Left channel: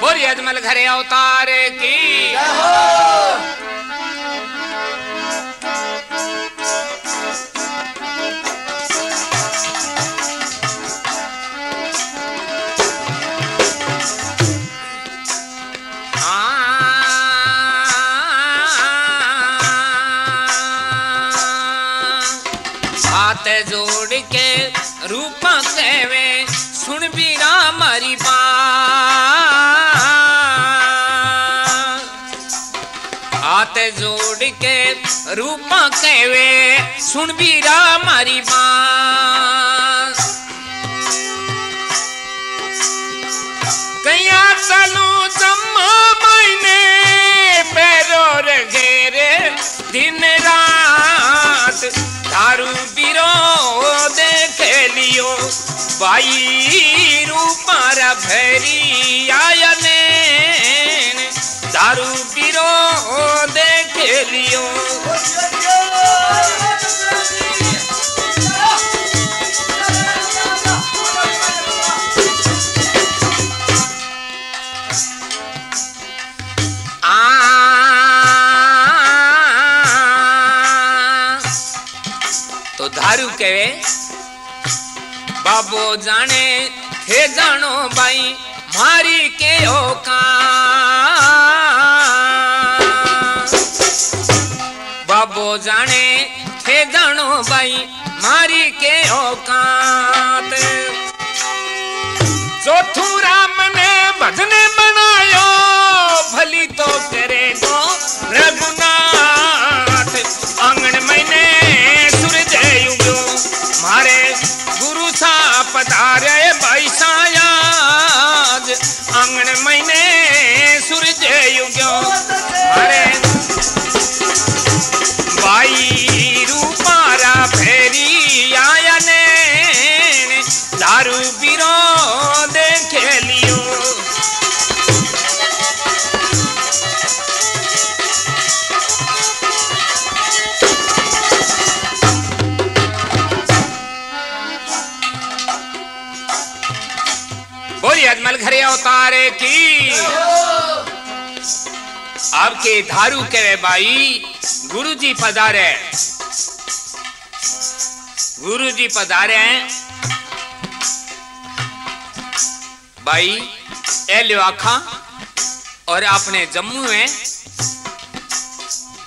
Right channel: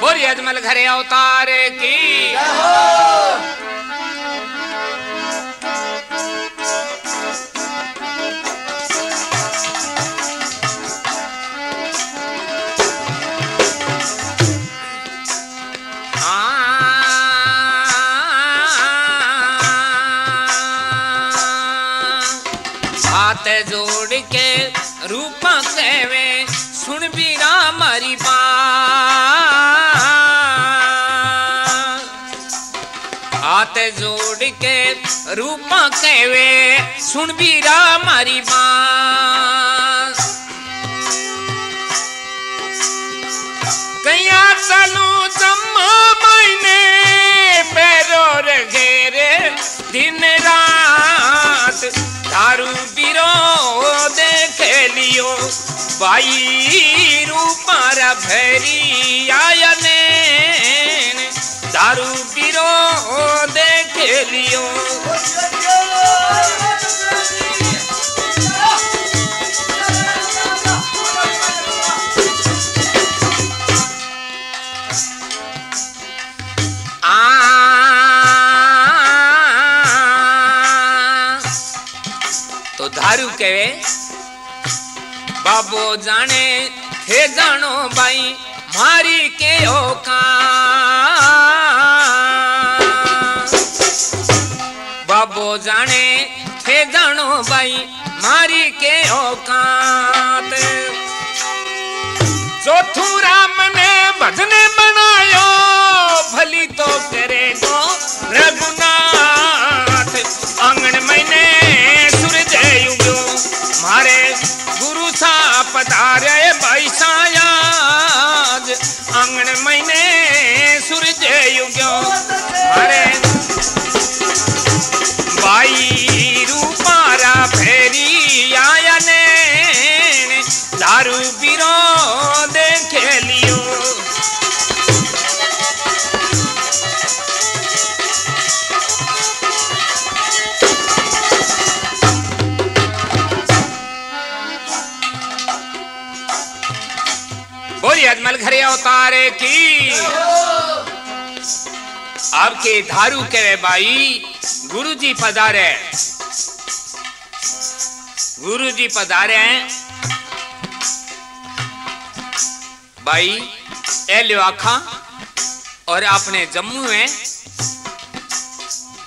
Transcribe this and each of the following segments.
बोरी अजमल घरे अवतार की हाथ जोड़ के रूपा कहवे सुन बीरा मारी बात। हाथ जोड़ के रूपा कहवे सुन बीरा मारी बात। कया चलू जम्मा महीने पैरो घेरे दिन रात दारू बीरो देख लियो बाई रूपारा भैरी आयने दारू बीरो देख लियो। तो दारू कहे बाबो जाने हे जानो भाई मारी के औकात। बाबो जाने हे जानो भाई मारी के औकात। चौथू राम ने भजन बनायो भली तो करेगो रघुनाथ। आंगन महीने सूरज युगो मारे गुरु सा पधारे भाई सायाज। आंगन महीने सूरज युगो मारे भाई रूपारा फेरी आयने दारू बीरो देख लियो। बोली अजमल घरे अवतारे की आपके धारू कहे भाई गुरुजी पधारे। गुरुजी पधारे हैं भाई ए लियो आखा और आपने जम्मू में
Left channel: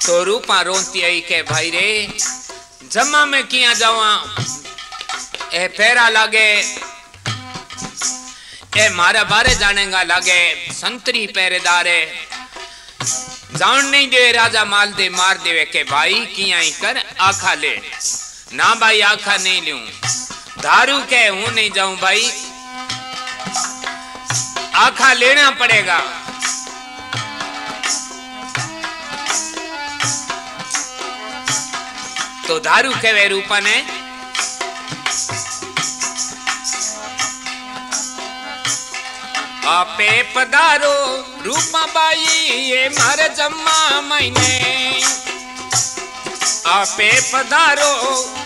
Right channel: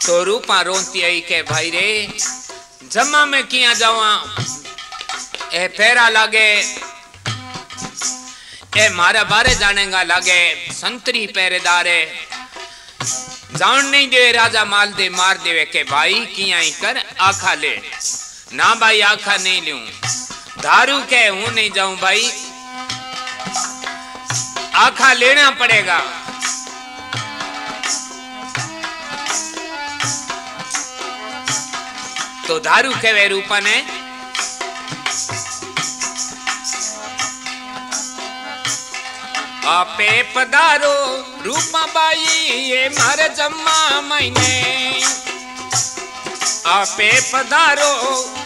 तो रूपा रोती आई के भाई रे जम्मा में किया जावा ए फेरा लागे ए मारा बारे जानेगा लागे संतरी पहरेदारे जान नहीं दे राजा माल दे मार देवे के भाई किया ही कर आखा ले ना भाई आखा नहीं लूं दारू के हूं नहीं जाऊं भाई आखा लेना पड़ेगा। तो दारू के वे रूपा ने आपे पधारो रूपा बाई ये मारे जम्मा महीने। आपे पधारो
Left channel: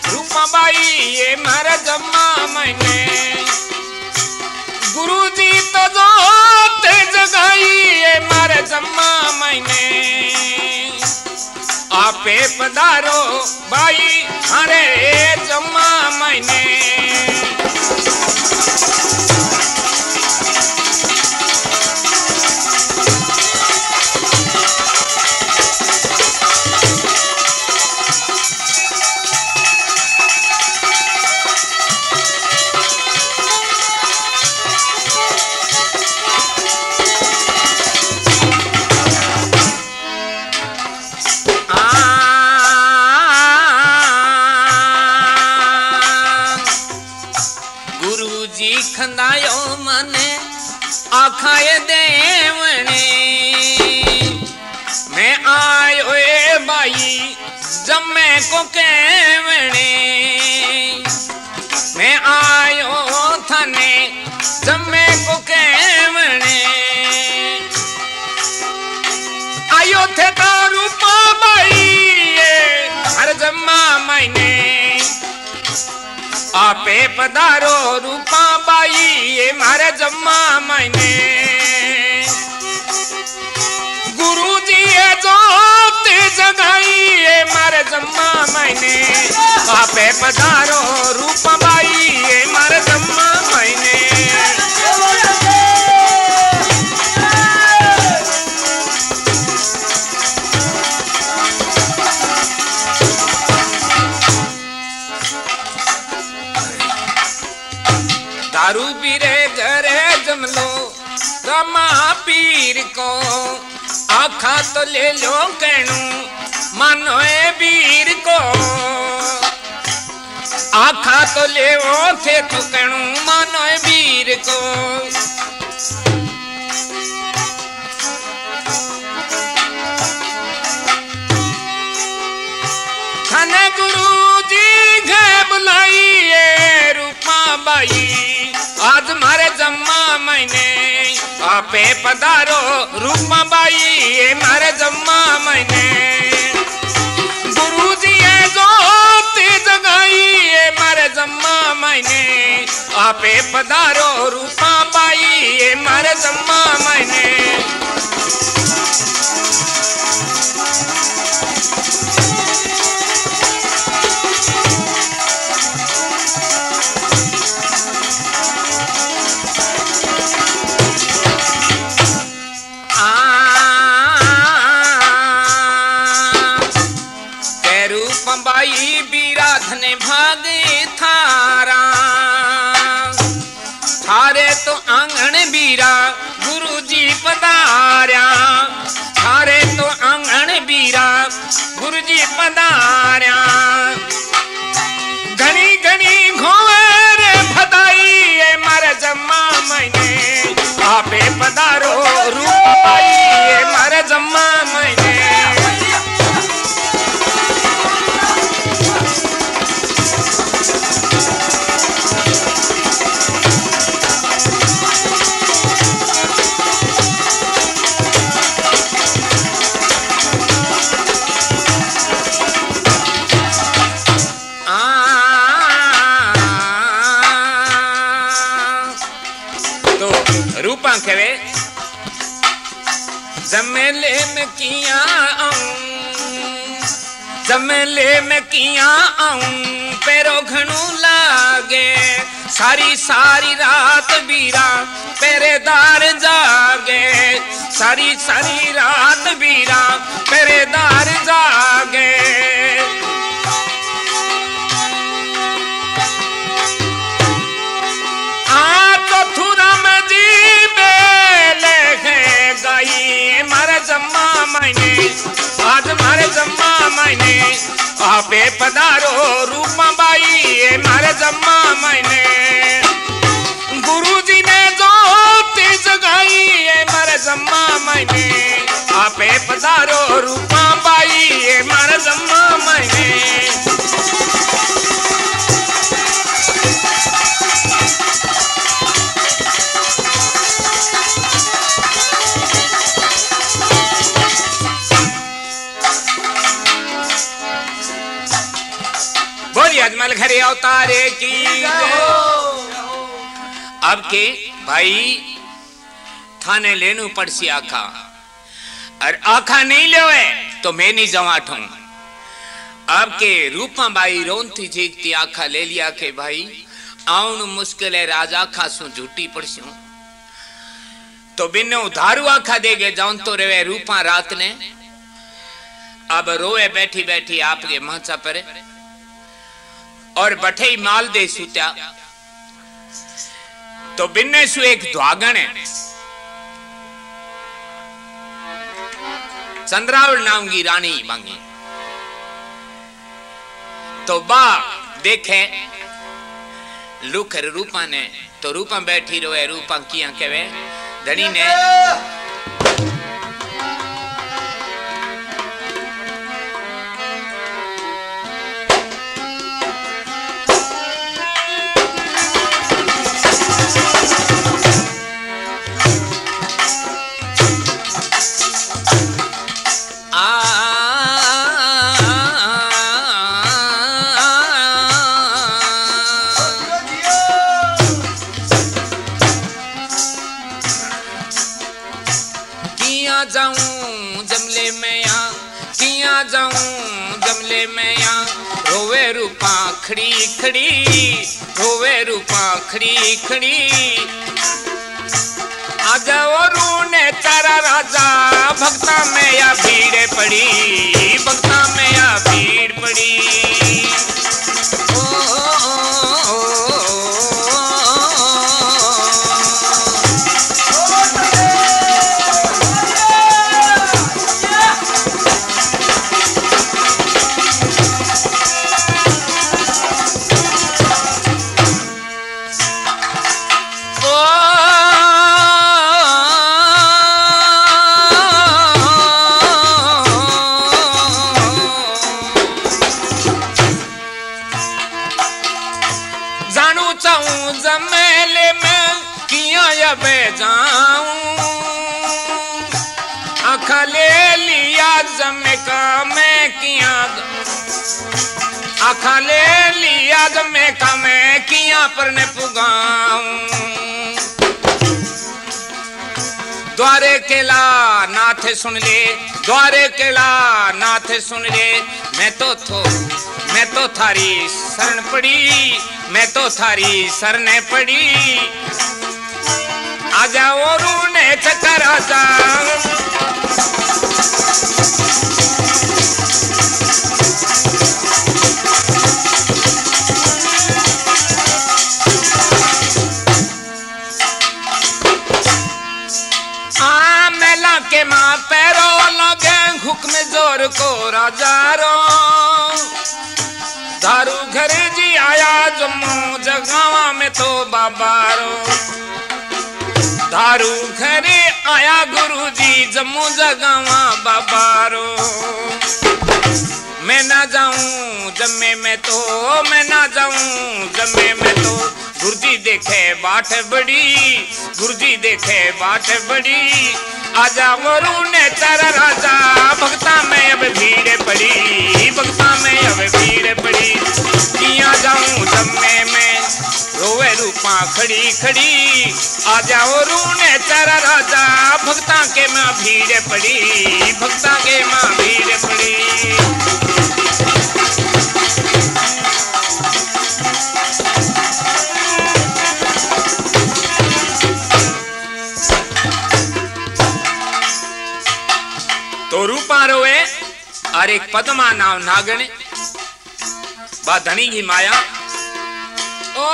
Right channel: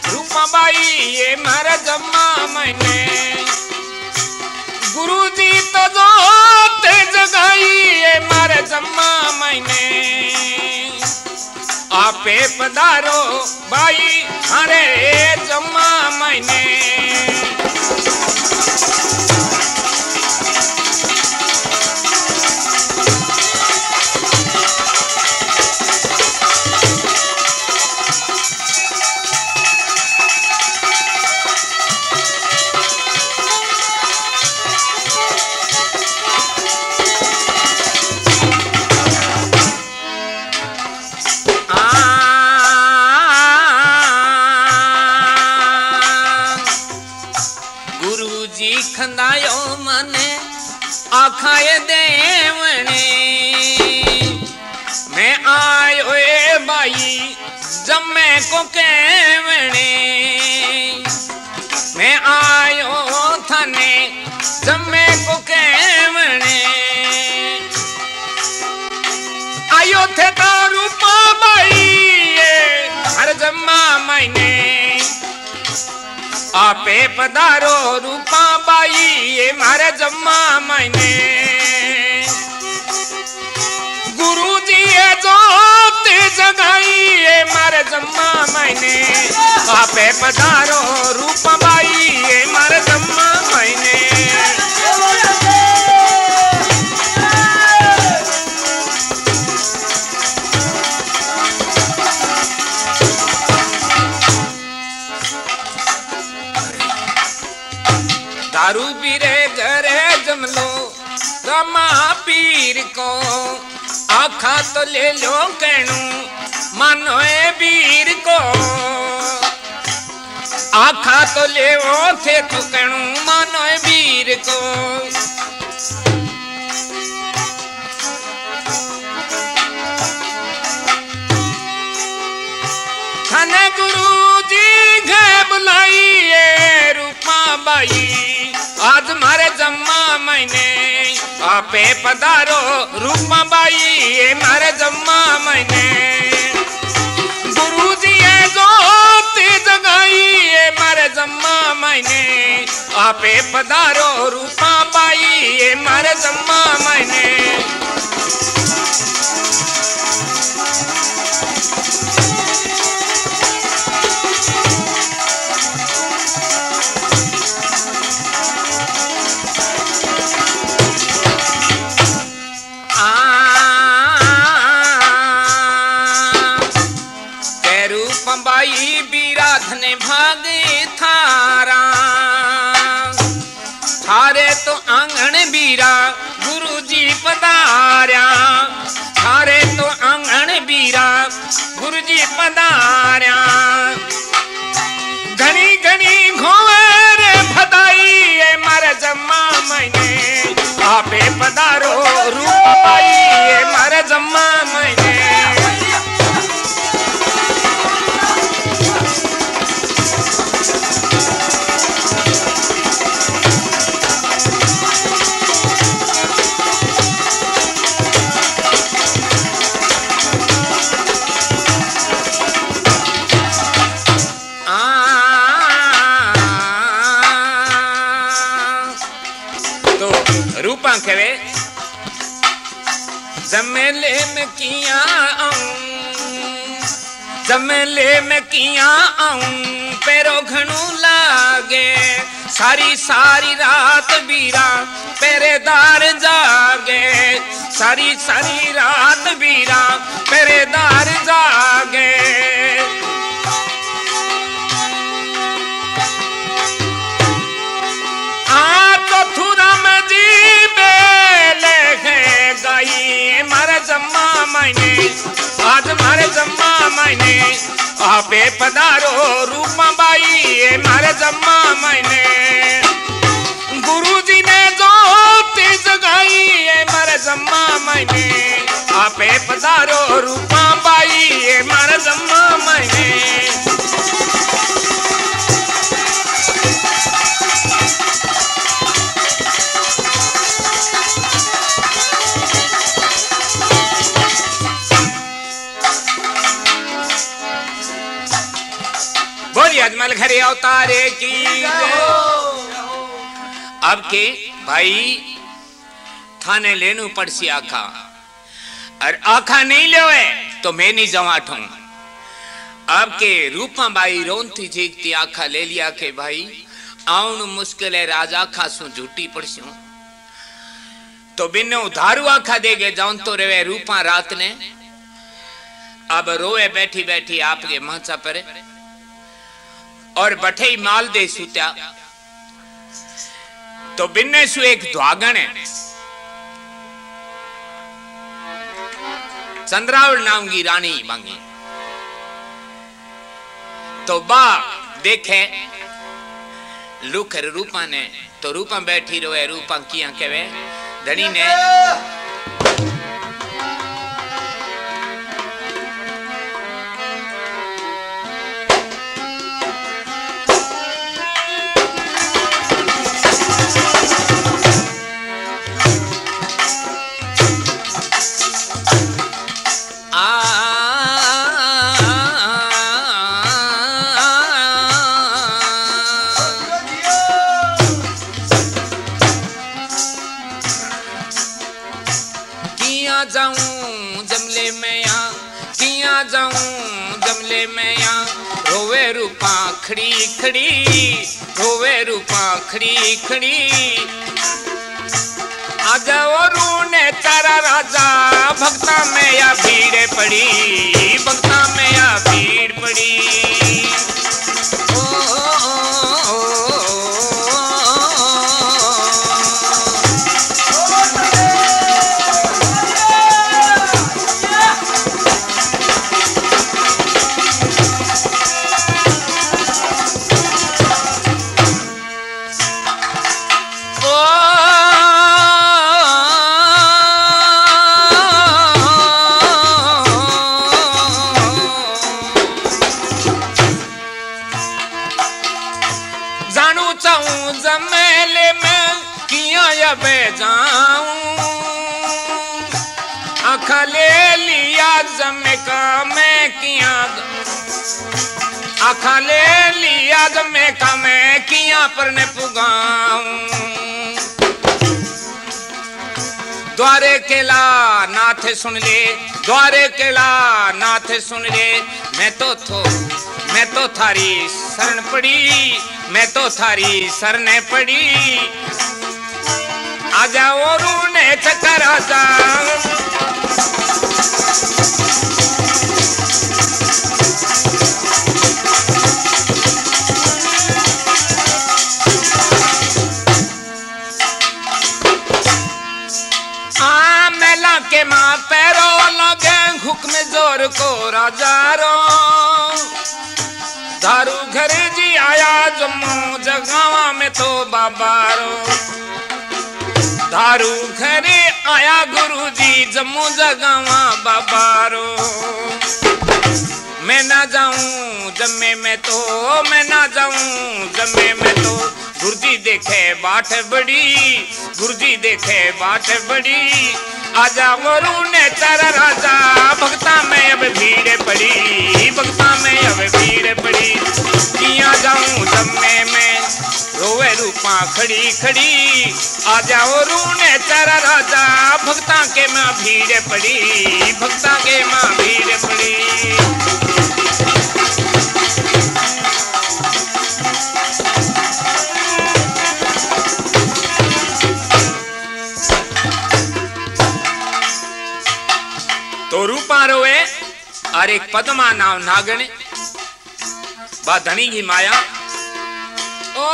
रूपा बाई ये मारे जम्मा महीने। गुरुजी तो जोत जगाई ये मारे जम्मा महीने। आपे पधारो बाई मारे जम्मा महीने। खंदायो मने आखाए देवने मैं आयो ए बाई जम्मे को केवने। मैं आयो थाने जम्मे को केवने। आयो थे तो रूपा बाई हर जम्मा महीने। आपे पधारो रूपा बाई ये मारे जम्मा महीने। मैंने आपे पधारो रूप बाई ये मारे जम्मा मैंने दारू पीरे घरे जमलो रमा पीर को आखा तो ले लो कहणू मानो ए वीर को आखा तो ले वो थे तो कहणू मानो ए वीर को थाने गुरु जी घे बुलाइए रूपा बाई आज मारे जम्मा मैंने आपे पधारो रूपा बाई ये मारे जम्मा मैंने गुरु जी जो जगाई ये मारे जम्मा मैंने आपे पधारो रूपा बाई ये मारे जम्मा मैंने बाई बीरा धने भागे थारा थारे तो आंगण बीरा गुरुजी पधार्या थारे तो आंगण बीरा गुरुजी पधार्या घनी घनी घोर भदाई ये मारे जम्मा मैंने आपे पधारो रूप बाई ये मारे जम्मा मैंने कहे जमेले में किया जमेले में किया आऊं पैरो घणू लागे सारी सारी रात बीरा पहरेदार जागे सारी सारी रात बीरा पहरेदार जागे आज मारे जम्मा मैंने आपे पधारो रूपा बाई ये मारे जम्मा मैंने गुरुजी ने जो जगाई ये मारे जम्मा मैंने आपे पधारो रूपा बाई ये मारे जम्मा मैंने अजमल घरे अवतारे की अब के भाई थाने लेनू पड़सी आखा और आखा नहीं ले तो मैं नहीं जवाठू अब के रूपा बाई रोनती चीखती आखा ले लिया के भाई आउन मुश्किल है राजा खासू झूठी पड़सी तो बिन्ने उधारू आखा देगे जाऊन तो रेवे रूपा रात ने अब रोए बैठी बैठी आपके माचा परे और बठे ही माल दे सूत्या तो बिन्ने सु एक द्वागण है चंद्रावल नाम की रानी मांगी तो बा देखे लुखर रूपा ने तो रूपा बैठी रोए रूपा किया कहे धनी ने किया जाऊं जमले में या रोवे रूपा खड़ी खड़ी, रोवे रूपा खड़ी खड़ी। आजा और रूने तारा राजा, भक्ता में या भीड़ पड़ी, भक्ता में या भीड़ पड़ी। जमेले में किया अब जाऊं, आखा ले लिया जमे का मैं किया, आखा ले लिया जमे का मैं किया पर ने पुगाऊं। द्वारे केला नाथ सुन ले, द्वारे केला नाथ सुन ले। मैं तो थारी शरण पड़ी, मैं तो थारी शरण पड़ी। आजा और ने चक्कर आजा, मेला के माँ पैरो लगे हुक्म जोर को राजा रो। दारू घर जी आया जम्मू जगावा में तो बाबा रो, दारू घरे आया गुरु जी जम्मू जगावा बाबा रो। मैं ना जाऊं जम्मे में तो, मैं ना जाऊं जम्मे में तो। गुरुजी देखे बाट बड़ी, गुरुजी देखे बाट बड़ी। आजा वरु ने तारा राजा, भक्ता में अब भीड़ पड़ी, भक्ता में अब भीड़ पड़ी। किया जाऊं जम्मे में रोवे रूपा खड़ी खड़ी। आजा वरु ने तारा राजा, भक्ता के माँ भीड़ पड़ी, भक्ता के माँ भीड़ पड़ी। तो रूपा रोए और एक पद्मा नाव नागण बा धनी की माया। ओ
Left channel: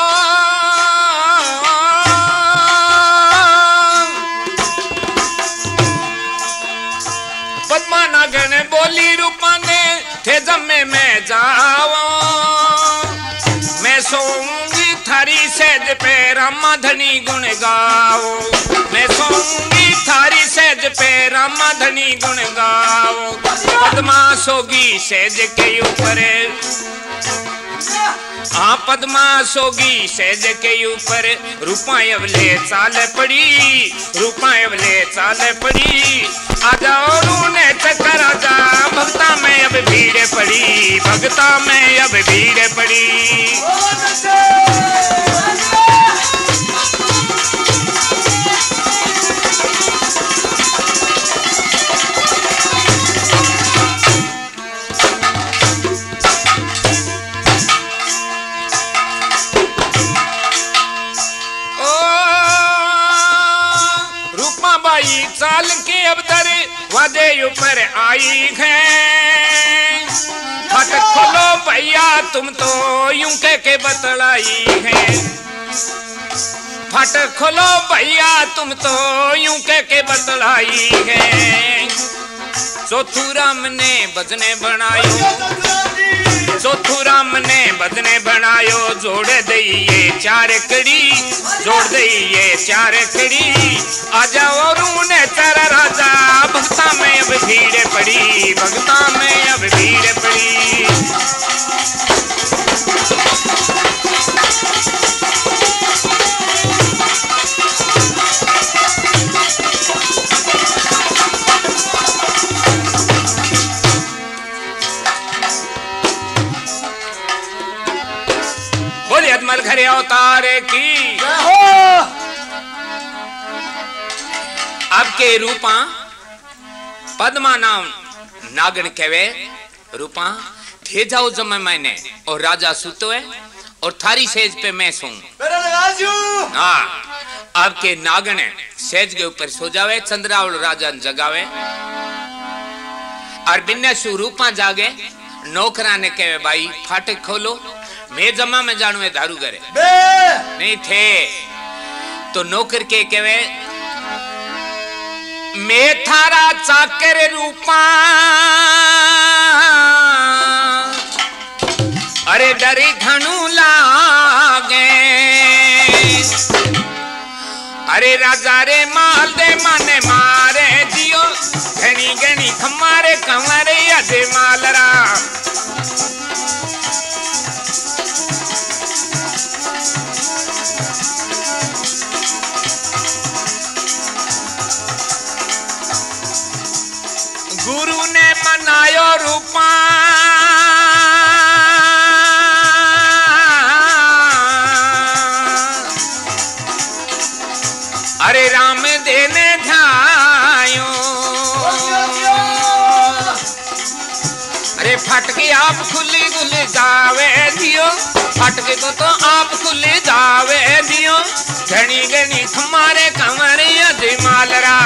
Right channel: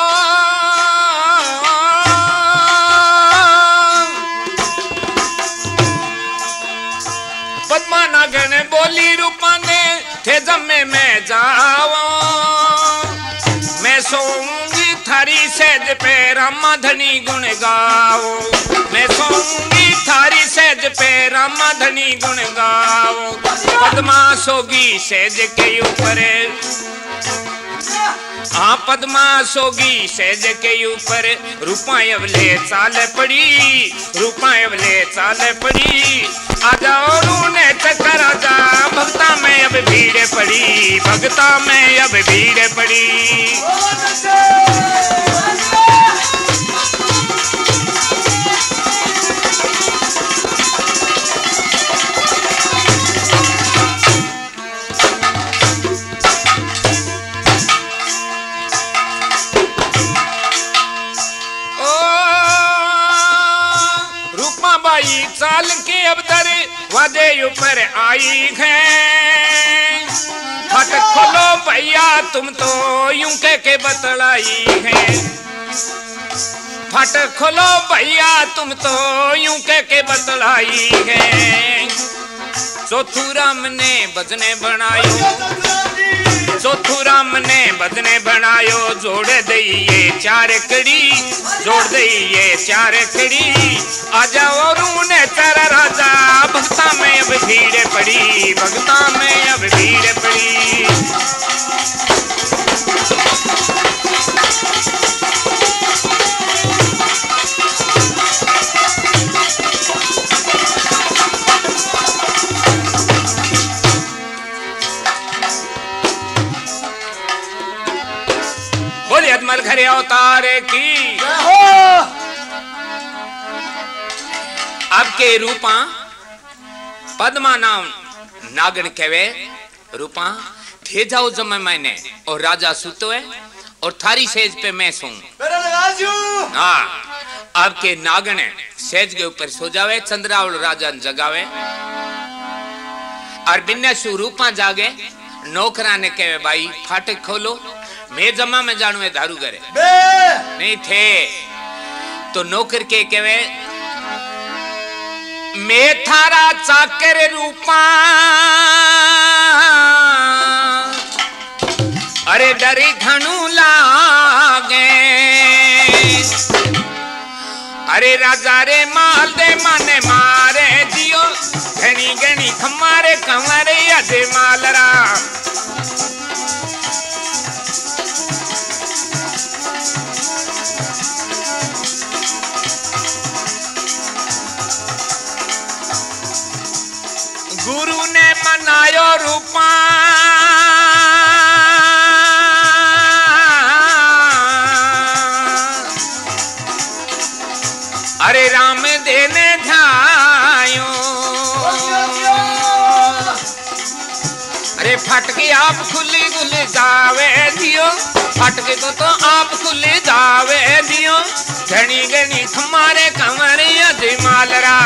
पद्मा नागण बोली रूपा ने थे जम्मे में जाओ। मैं सोऊंगी थारी सेज पे रामा धनी गुण गाओ। मैं सोऊंगी थारी सेज पे रामा धनी गुण गाओ। पद्मा सोगी सेज के ऊपर, हाँ पद्मा सोगी सेज के ऊपर। रूपा अवले चाल पड़ी, रूपा अवले चाल पड़ी। आजा और ने चक्कर आजा, भक्ता में अब भीड़ पड़ी, भक्ता में अब भीड़ पड़ी। चाल के अब दर वादे ऊपर आई है। फट खोलो भैया तुम तो यूं कह के बतलाई है। फट खोलो भैया तुम तो यूं कह के बतलाई है। चौथू राम ने भजने बनायो, चौथू राम ने भजने बनायो। जोड़ दईये चार कड़ी, जोड़ दईये चार कड़ी। आजा और ने तारा राजा, भक्ता में अब भीड़ पड़ी, भक्ता में अब भीड़ पड़ी। बोले अजमल घरे अवतार की अब के रूपा पद्मा नाम नागन कहवे रूपा ठे जाओ जमे मैंने और राजा सुतो है और थारी सेज पे मैं सो। हाँ आपके नागन सेज के ऊपर सो जावे, चंद्रावल राजा जगावे और बिन्ने सु रूपा जागे। नौकरा ने कहे भाई फाटक खोलो, मैं जमा में जानू है दारू करे नहीं थे। तो नौकर के कहे मैं थारा चाकर रूपा, अरे डरी घणू लागे, अरे राजा रे माल दे माने मारे दियो, घनी घनी खमारे कमरे अजे मालरा। गुरु ने मनायो रूपा, अरे राम देने ध्यायो, अरे फटके आप खुली गुल जावे दियो, फटके तो आप खुले जावे दियो, घनी घनी हमारे कमरे अजय मालरा।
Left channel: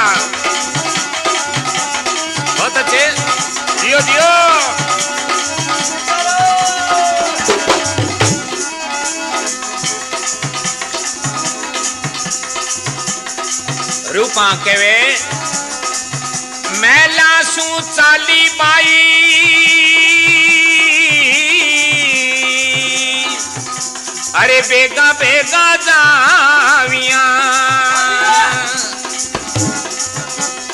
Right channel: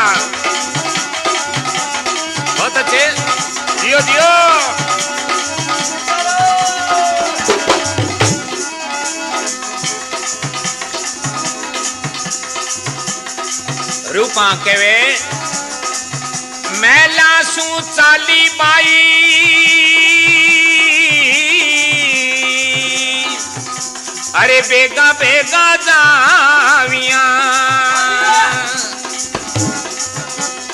बहुत अच्छे दियो दियो। रूपा केवे मैला सू चाली बाई, अरे बेगा बेगा जाविया,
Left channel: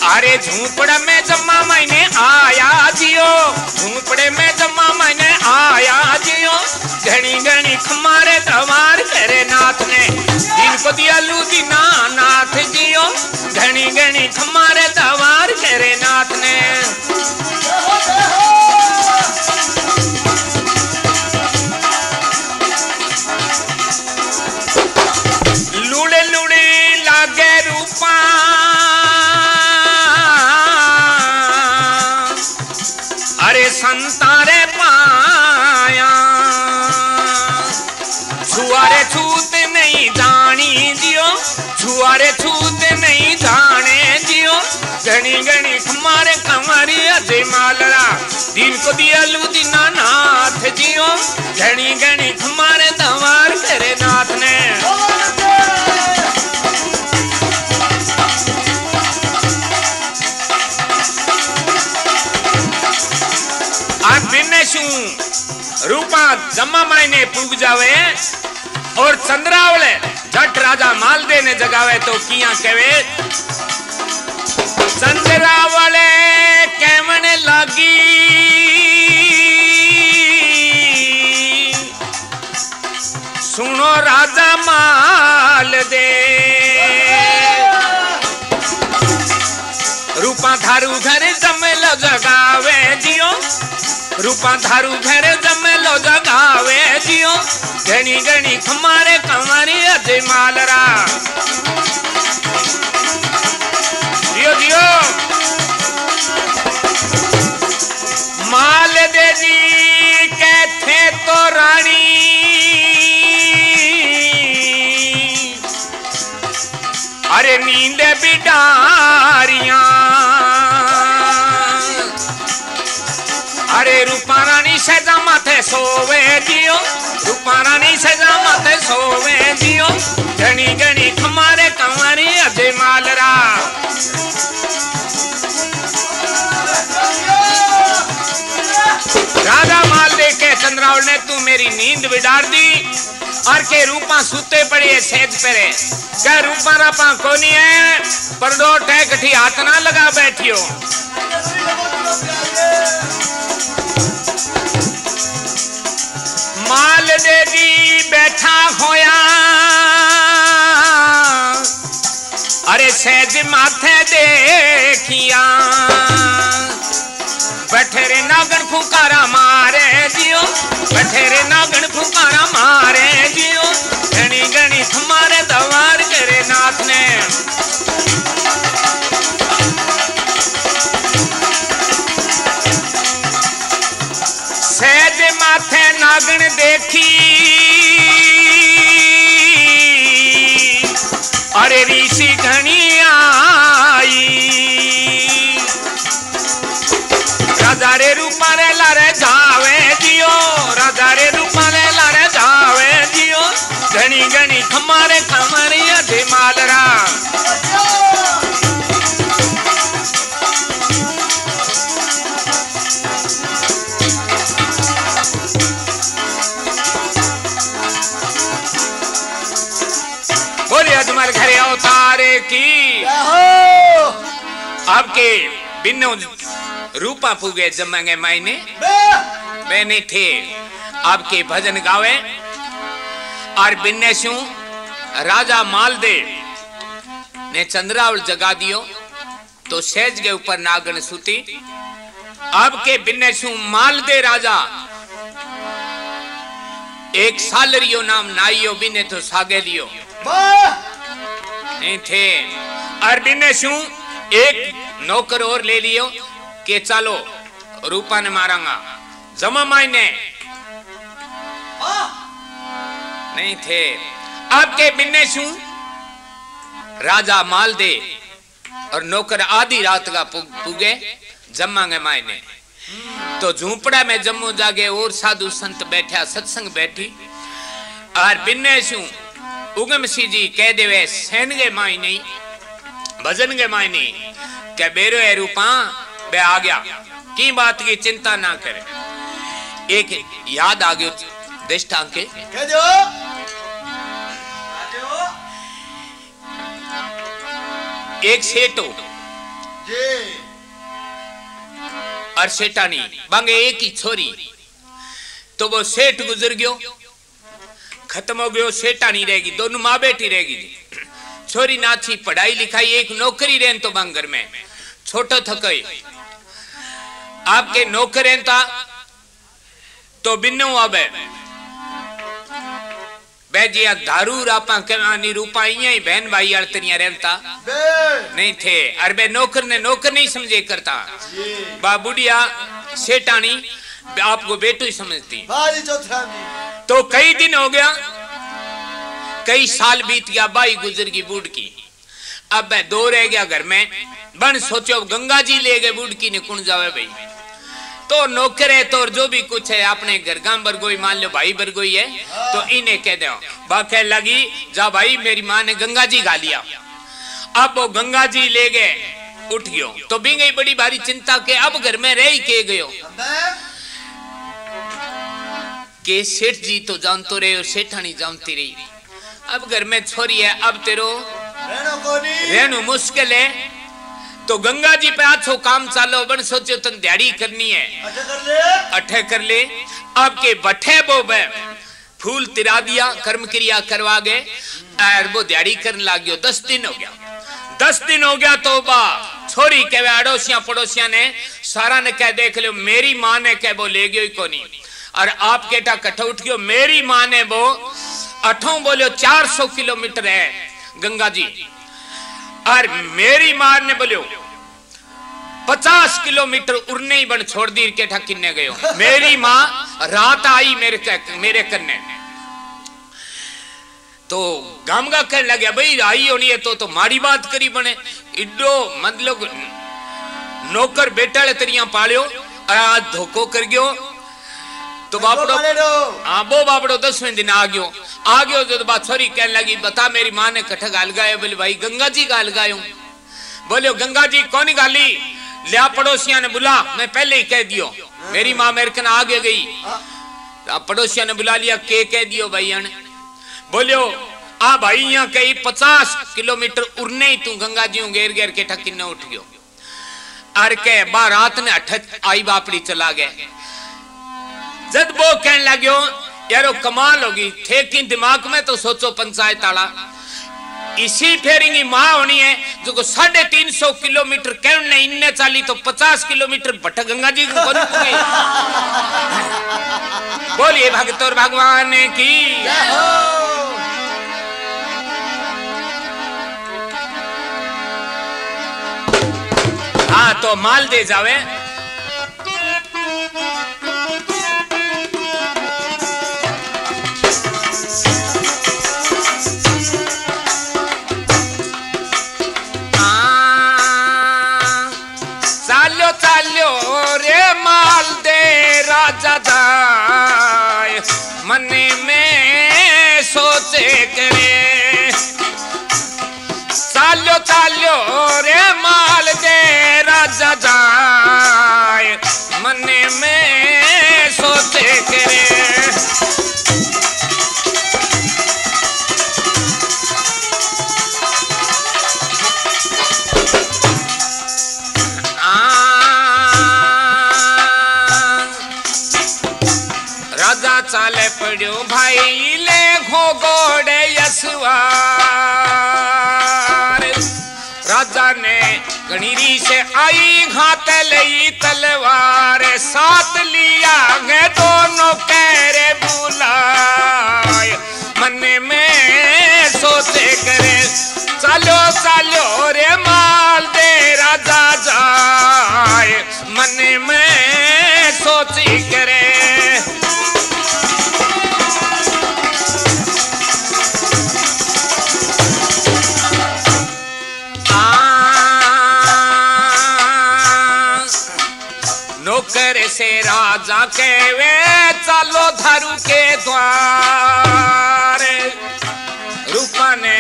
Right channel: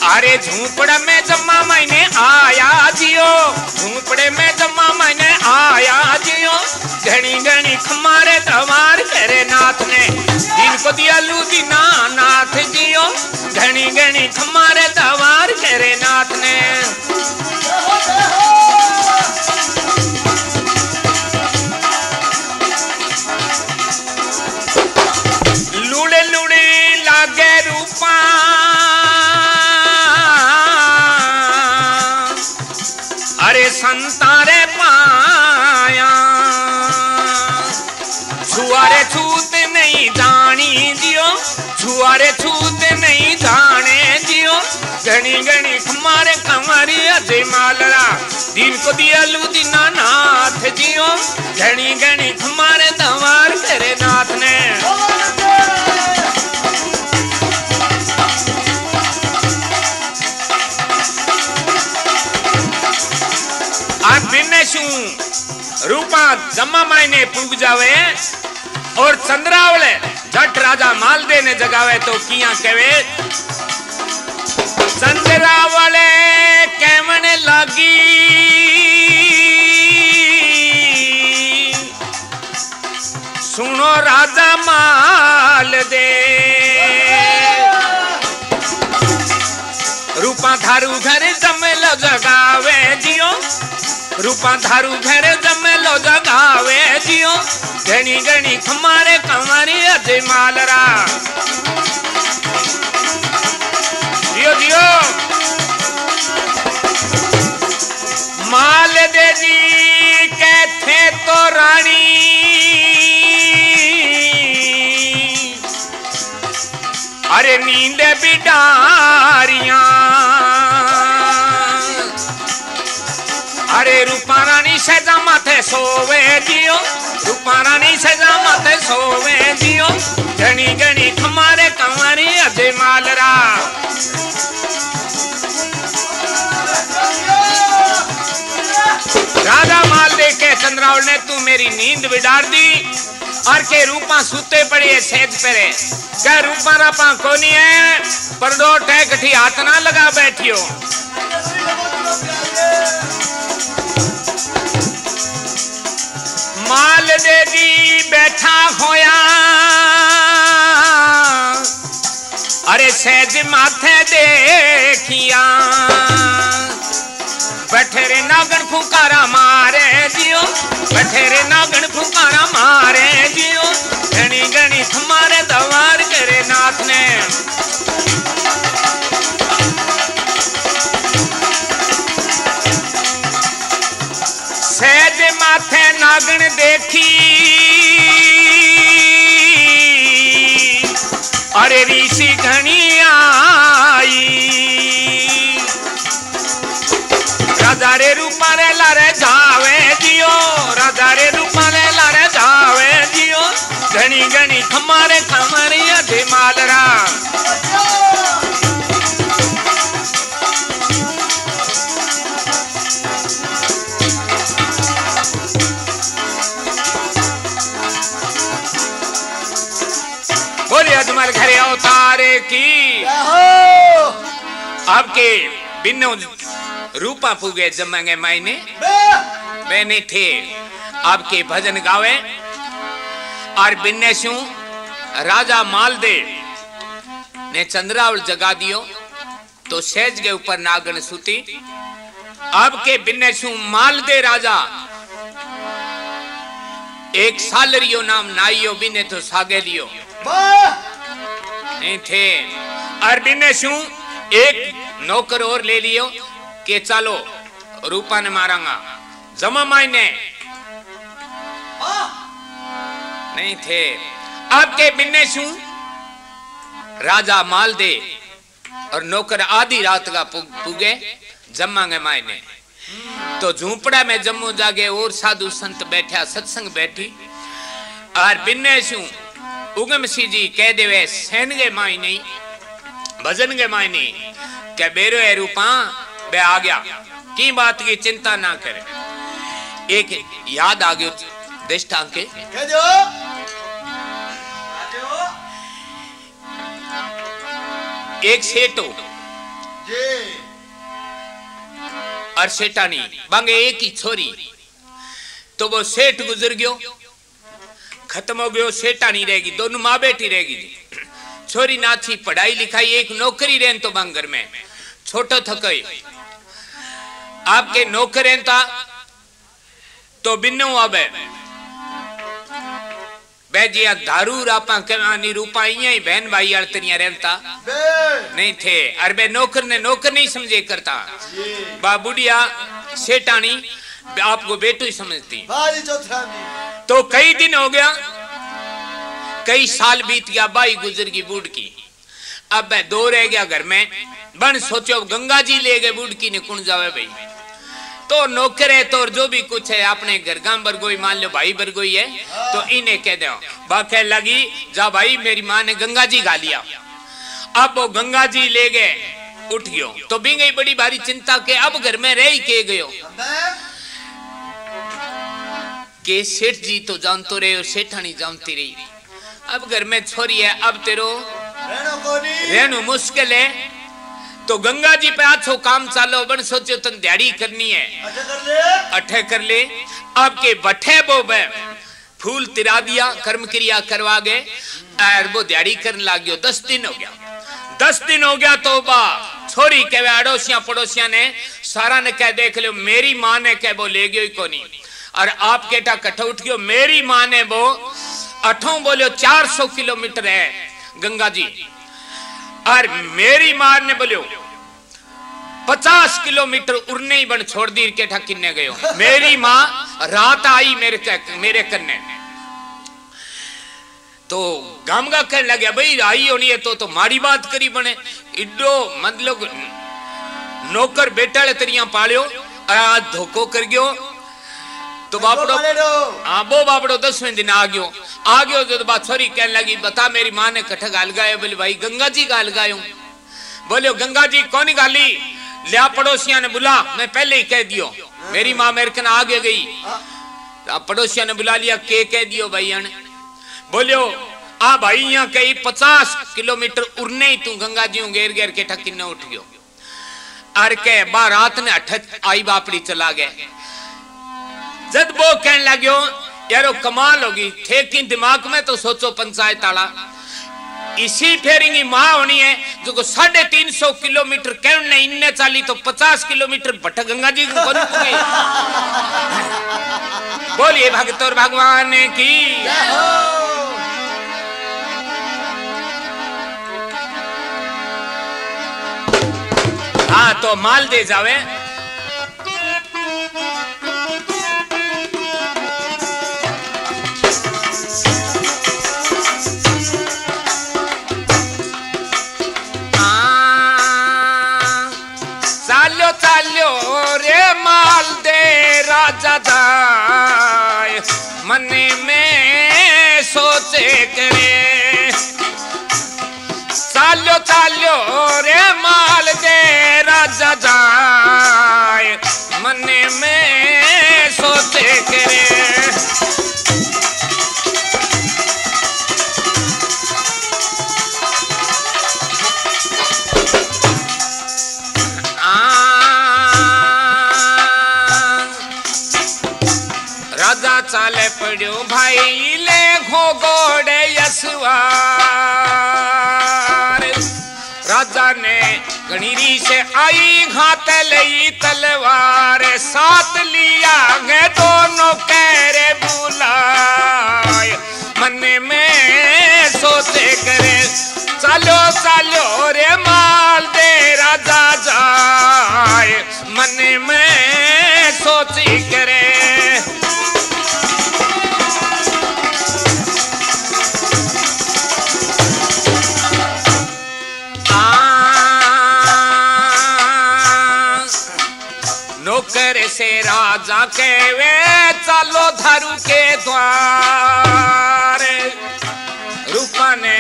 अरे झूपड़े में जम्मा मैंने आया जियो, झूपड़े में जम्मा मैंने आया जियो, घनी घनी खमारे दवार करे नाथ ने, जिनको दिया लू दीना नाथ जियो, घनी घनी खमारे दवार करे नाथ ने। लुड़े लुड़े लागे रूपा, अरे संतारे पाया, छुआरे छूत नहीं जानी जियो, छुआरे छूत नहीं जाने जियो, घनी घनी हमारे कमरी अजय मालरा, दिन को दिया लू दीना नाथ जियो, घनी घनी हमारे दवार तेरे नाथ ने। रूपा जम्मा मायने पूग जावे और चंद्रावले जट राजा मालदे ने जगावे तो किया कहे चंद्रावले कहवन लगी, सुनो राजा मालदे, रूपा थारू घर जमेलो जगावे जियो, रूपा थारू घर जमेलो जगावे जियो, घनी घनी हमारे कमरे अजय मालरा। दियो दियो माल दे जी कहते तो रानी, अरे नींद बिडारियां, अरे रूपा रानी सजा माथे सोवे जियो, रूपा रानी सजा माथे सोवे जियो, घनी घनी हमारे कमरे अजय मालरा। राजा मालदे के चंद्रावल ने तू मेरी नींद बिगाड़ दी और के रूपा सुते पड़े सेज पेरे, क्या रूपा रापा कोनी है पर दो टैकठी हाथ ना लगा बैठियो। माल देवी बैठा होया, अरे सेज माथे देखिया, बठेरे नागन फुकारा मारे जियो, बठेरे नागन फुकारा मारे जियो, घनी घनी हमारे दवार करे नाथ ने। नागण देखी अरे ऋषि घनी आई राजा रे रूपा रे लारे जावे दियो राजा रे रूपा रे लारे जावे दियो घनी घनी खमारे खमारे अधे मालरा बोले अजमल घरे अवतारे की आपके बिन्नो रूपा पुगे जमांगे मायने मैंने थे आपके भजन गावे और बिन्नेशु राजा मालदेव ने चंद्रावल जगा दियो तो सेज के ऊपर नागन सुती आपके बिन्नेशु मालदेव राजा एक सालरियो नाम नाइयो बिने तो सागे लियो नहीं थे और बिन्नेशु एक नौकर और ले लियो के चलो रूपा ने मारांगा जमा मायने नहीं थे आपके बिन्नेशु राजा मालदे और नौकर आधी रात का पुगे जमांगे मायने तो झूपड़ा में जम्मू जागे और साधु संत बैठा सत्संग बैठी और बिन्नेशु उगम सी जी कह देवे सैन गे मायने भजन गे मायने क्या बेरो है रूपा बे आ गया की बात की चिंता ना करे एक याद आ गयो दृष्टा के एक सेठो और सेठानी बांगे एक ही छोरी तो वो सेठ गुजर गयो खत्म हो गयो सेठानी रहेगी दोनों माँ बेटी रहेगी छोरी नाची पढ़ाई लिखाई एक नौकरी रहन तो बांगर में छोटो थकई आपके नौकर रहता तो बिन्नू आवे बैजिया दारू रापा कमानी रूपा ही बहन भाई अड़तरिया रहता नहीं थे अरे नौकर ने नौकर नहीं समझे करता बा बुढ़िया सेठानी आपको बेटू ही समझती तो कई दिन हो गया कई साल बीत गया बाई गुजर की बूढ़ की अब मैं दो रह गया घर में बन सोचो गंगा जी ले गए बूढ़ की ने कुण जावे भाई तो नौकर है तो जो भी कुछ है अपने घर गांव बरगोई मान लो भाई बरगोई है तो इन्हें कह दो बात लगी जा भाई मेरी माँ ने गंगा जी गा लिया अब वो गंगा जी ले गए उठ गयो तो भी गई बड़ी भारी चिंता के अब घर में रह के गयो के सेठ जी तो जानते रहे और सेठानी जानती रही अब घर में छोरी है अब तेरो रहनु मुश्किल है तो गंगा जी पे आछो काम चालो बन सोचो तन दिहाड़ी करनी है अठे कर ले आपके बठे बो फूल तिरा दिया कर्म क्रिया करवा गए और वो दिहाड़ी करने लग गयो 10 दिन हो गया 10 दिन हो गया तो बा छोरी कहे अड़ोसिया पड़ोसिया ने सारा ने कह देख लो मेरी माँ ने कह वो ले गयो को नहीं और आप केटा कट्ठा उठ गयो मेरी माँ ने वो अठों बोलो 400 किलोमीटर है गंगा जी और मेरी माँ ने बोलो 50 किलोमीटर उड़ने ही बन छोड़ दी के ठकिन्ने गयो मेरी माँ रात आई मेरे कन्ने तो गामगा कहने लगे भाई आई होनी है तो माड़ी बात करी बने इड्डो मतलब नौकर बेटा तेरिया पालियो आज धोखो कर गयो तो बापड़ो हाँ वो बापड़ो 10वें दिन आ गयो जो बात छोरी कहने लगी बता मेरी माँ ने कट्ठा गाल गायो बोले भाई गंगा जी गाल गायो बोलो गंगा जी कौन गाली लिया पड़ोसिया ने बुला मैं पहले ही कह दियो मेरी माँ मेरे कन आगे गई पड़ोसिया ने बुला लिया के कह दियो भाई बोलियो आ भाई यहाँ कही 50 किलोमीटर उड़ने ही तू गंगा जी घेर घेर के ठकिन उठ गयो अर के बा रात ने अठत आई बापड़ी चला गए जब वो कहने लग्यो यारो कमाल होगी थे कि दिमाग में तो सोचो पंचायत आला इसी फेरिंगी माँ होनी है जो 350 किलोमीटर कहने इन्ने चाली तो 50 किलोमीटर भट्ट गंगा जी को बोलिए भगत और भगवान की हाँ तो माल दे जावे चालो रे माल दे राजा जाए मन में सोचे करे चालो चालो रे माल दे राजा जाए मन में सोचे करे राजा चाले पड़ो भाई ले घो गोड़े यसवार राजा ने गणीरी से आई घात लई तलवार साथ लिया गे दोनों कैरे बुलाए मन में सोते करे चलो चलो रे माल दे राजा जाए मन में सोची करे नौकर से राजा के वे चलो धरू के द्वार रूपा ने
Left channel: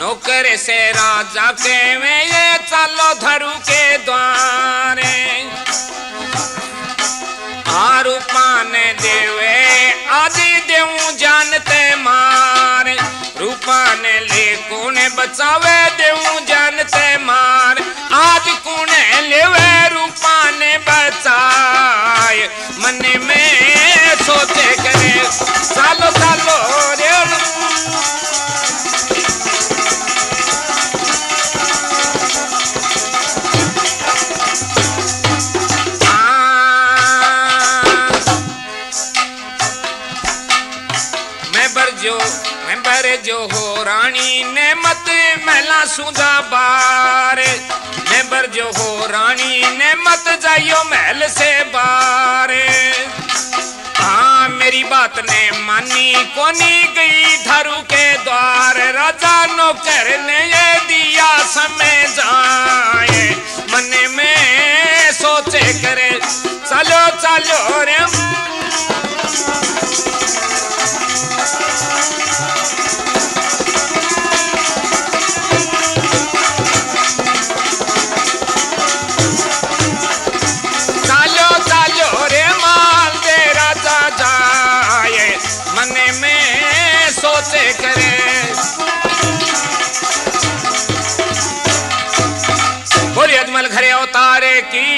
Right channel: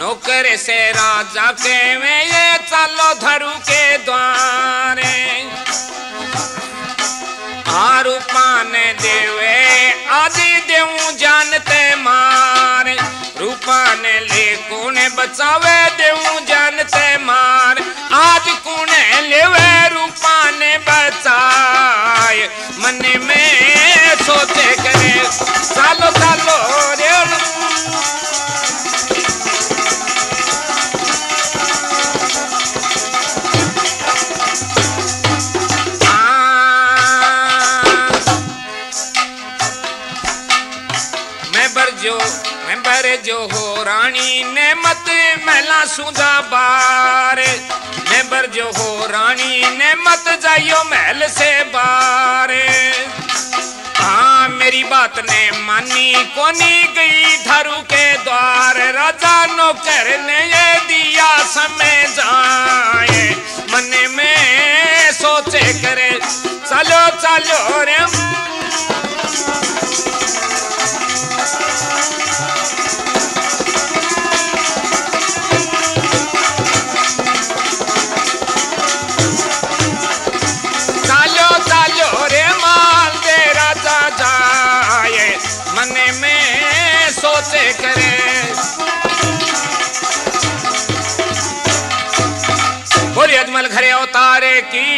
नौकर से राजा के वे चलो धरू के द्वार रूपा ने देवे आदि देऊ जानते मार रूपा ने ले कौने बचावे देऊ जानते मार आज कौने लेवे रूपा ने बचाए मन में सोचे करे सालो सालो रे मेंबर जो हो रानी ने मत महला सुधा बार मेंबर जो हो रानी ने मत जाइयो महल से बार हाँ मेरी बात ने मानी कोनी गई धरू के द्वार राजा नौकर ने ये दिया समय जाए मन में सोचे करे चलो चलो रे सोचे करे बोली अजमल घरे अवतारे की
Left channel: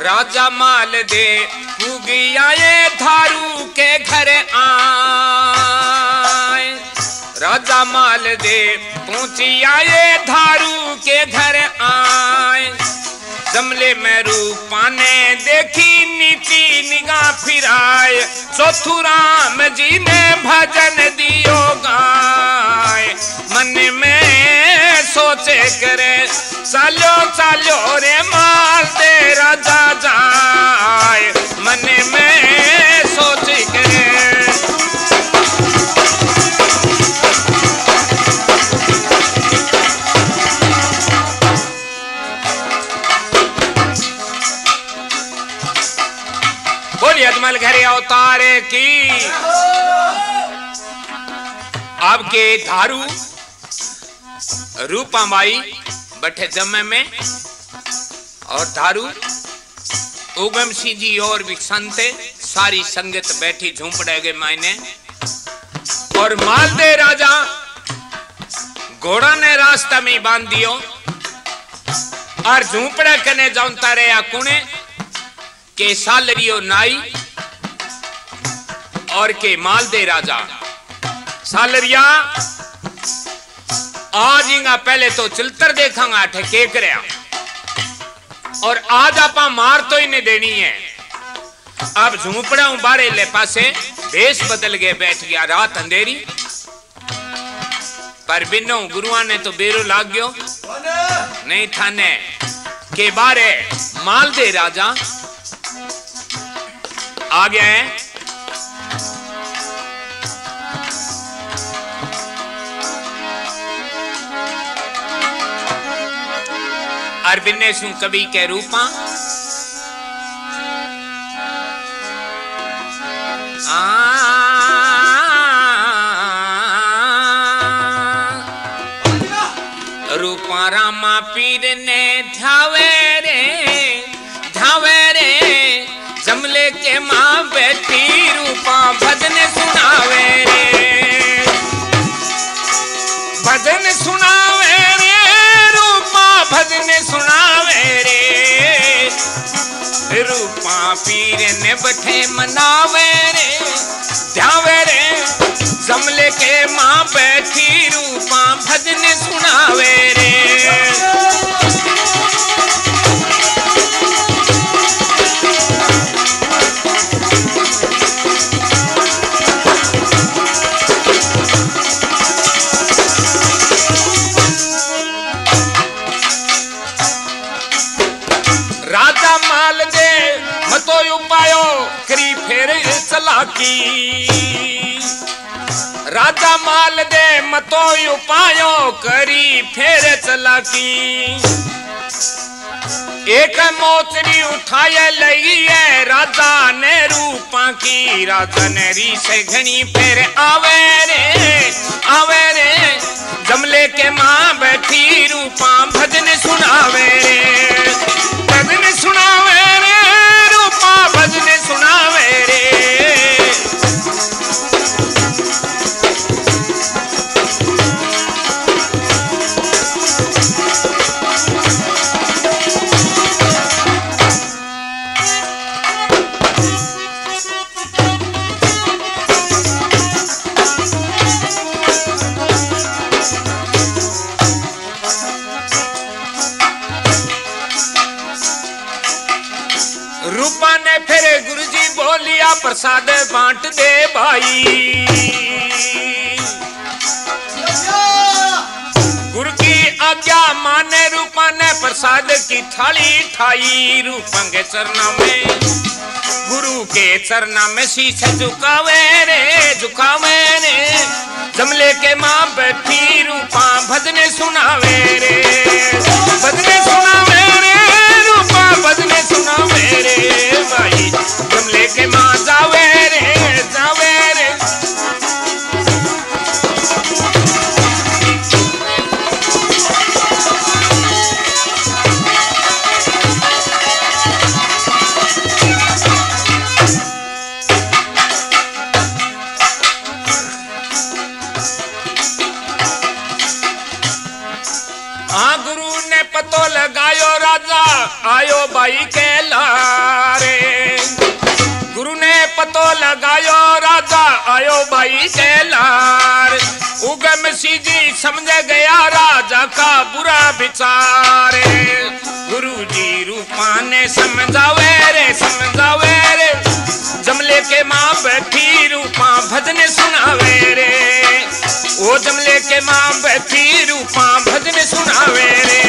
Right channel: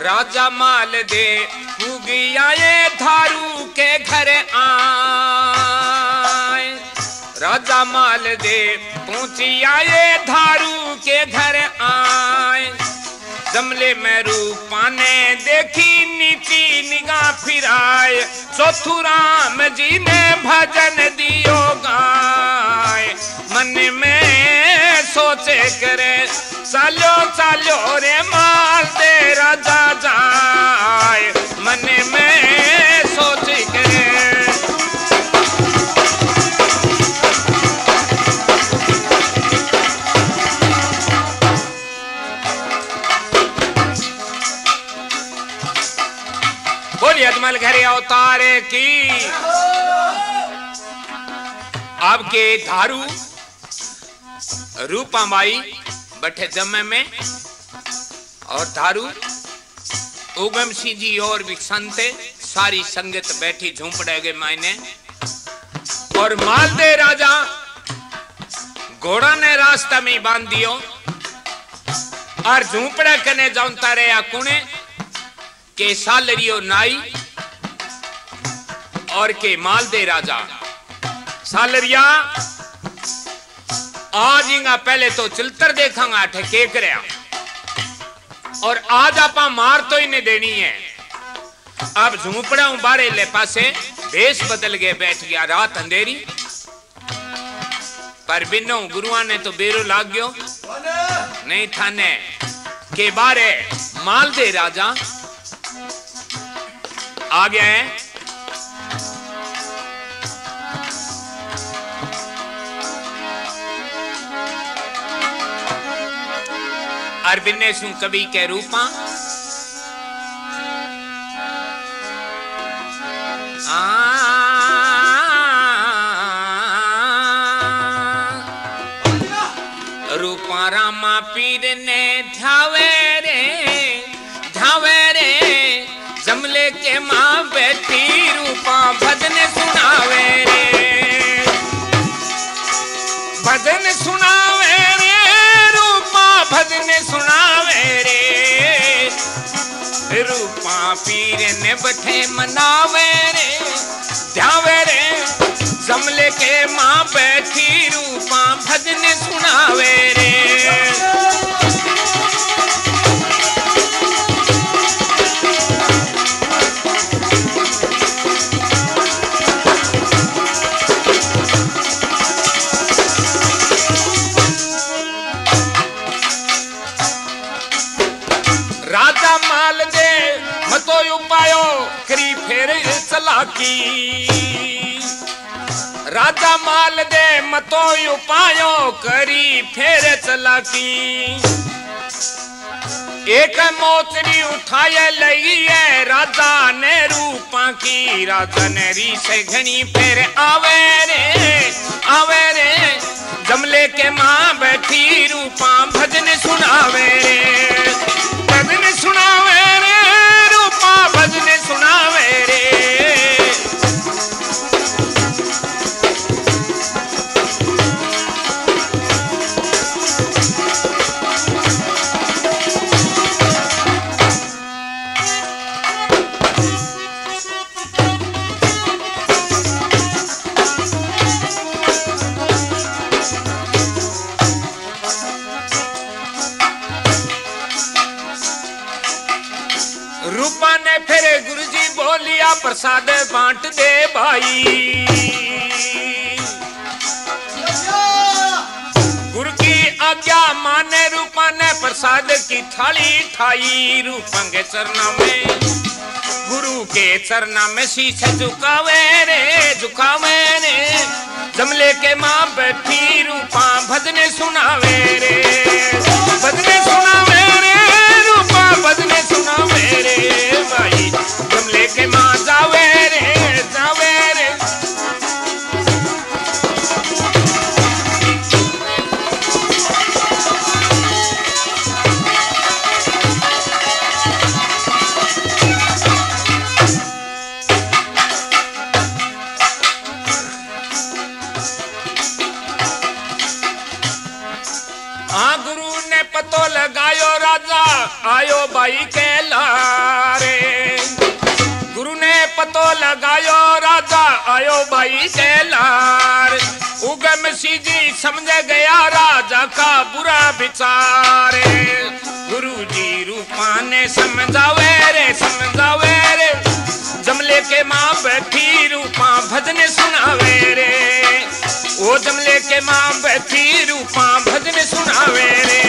राजा माल दे पुगिया ये धारू के घर आए राजा माल दे पहुंचिया ये धारू के घर आए जमले में रूपा ने देखी नीति निगाह फिराए चौथु राम जी ने भजन दियो गाय मन में सोचे करे चलो चलो रे माल दे राजा जाए मन में सोचे करे बोलिए अजमल घरे अवतारे की आपके धारू रूपा माई बैठे जमे में और धारू उगम सिंह जी और भी संते सारी संगत बैठी झूंपड़े के मायने और मालदे राजा घोड़ा ने रास्ता में बांध दियो और झूंपड़े कने जाऊंता रहे कुणे के सालरियो नाई और के मालदे राजा सालरिया आज इंगा पहले तो चिल्तर देखांगा ठे के करया और आज आप मार तो ही नहीं देनी है। अब झूपड़ा बारे ले पासे भेष बदल गए, बैठ गया रात अंधेरी। पर बिनो गुरुआ ने तो बेरो लाग गयो नहीं थाने के बारे माल दे राजा आ गया है। अरबिने सु कवि के रूपा रूपा रामा पीर ने ध्यावे रे जमले के माँ बैठी रूपा भजन सुनावे रे, भजन सुनावे रे रूपा भजन सुनावे रे। रूपा पीर ने बैठे मनावे रे ध्यावे रे जमले के माँ बैठी रूपा भजन सुनावे रे। राजा माल दे मतो उपायो करी फेर चलाकी, राजा माल दे मतो उपायो करी फेर चलाकी। एक मोचरी उठाए लई है राजा ने रूपा की, राजा ने री से घनी फेर आवे रे जमले के माँ बैठी रूपा भजन सुनावे रे, भजन सुनावे रे रूपा भजन सुनावे रे। रूपा ने फिर गुरुजी बोलिया प्रसाद बांट दे भाई, गुरु की आज्ञा माने रूपा ने प्रसाद की थाली ठाई। रूपा के चरणा में गुरु के चरणा में शीश झुकावे रे जमले के माँ बैठी रूपा भजन सुनावे रे, भजन सुनावे रे रूपा भजन सुनावे रे भाई जमले के माँ जावे रे। हाँ गुरु ने पतो लगायो राजा आयो बाई के लारे, गुरु ने पतो लगायो राजा आयो बाई के लार। उगम सीधी समझ गया राजा का बुरा विचार, गुरु जी रूपा ने समझावे रे जमले के माँ बैठी रूपा भजन सुनावे रे, ओ जमले के माँ बैठी रूपा भजन सुनावे रे।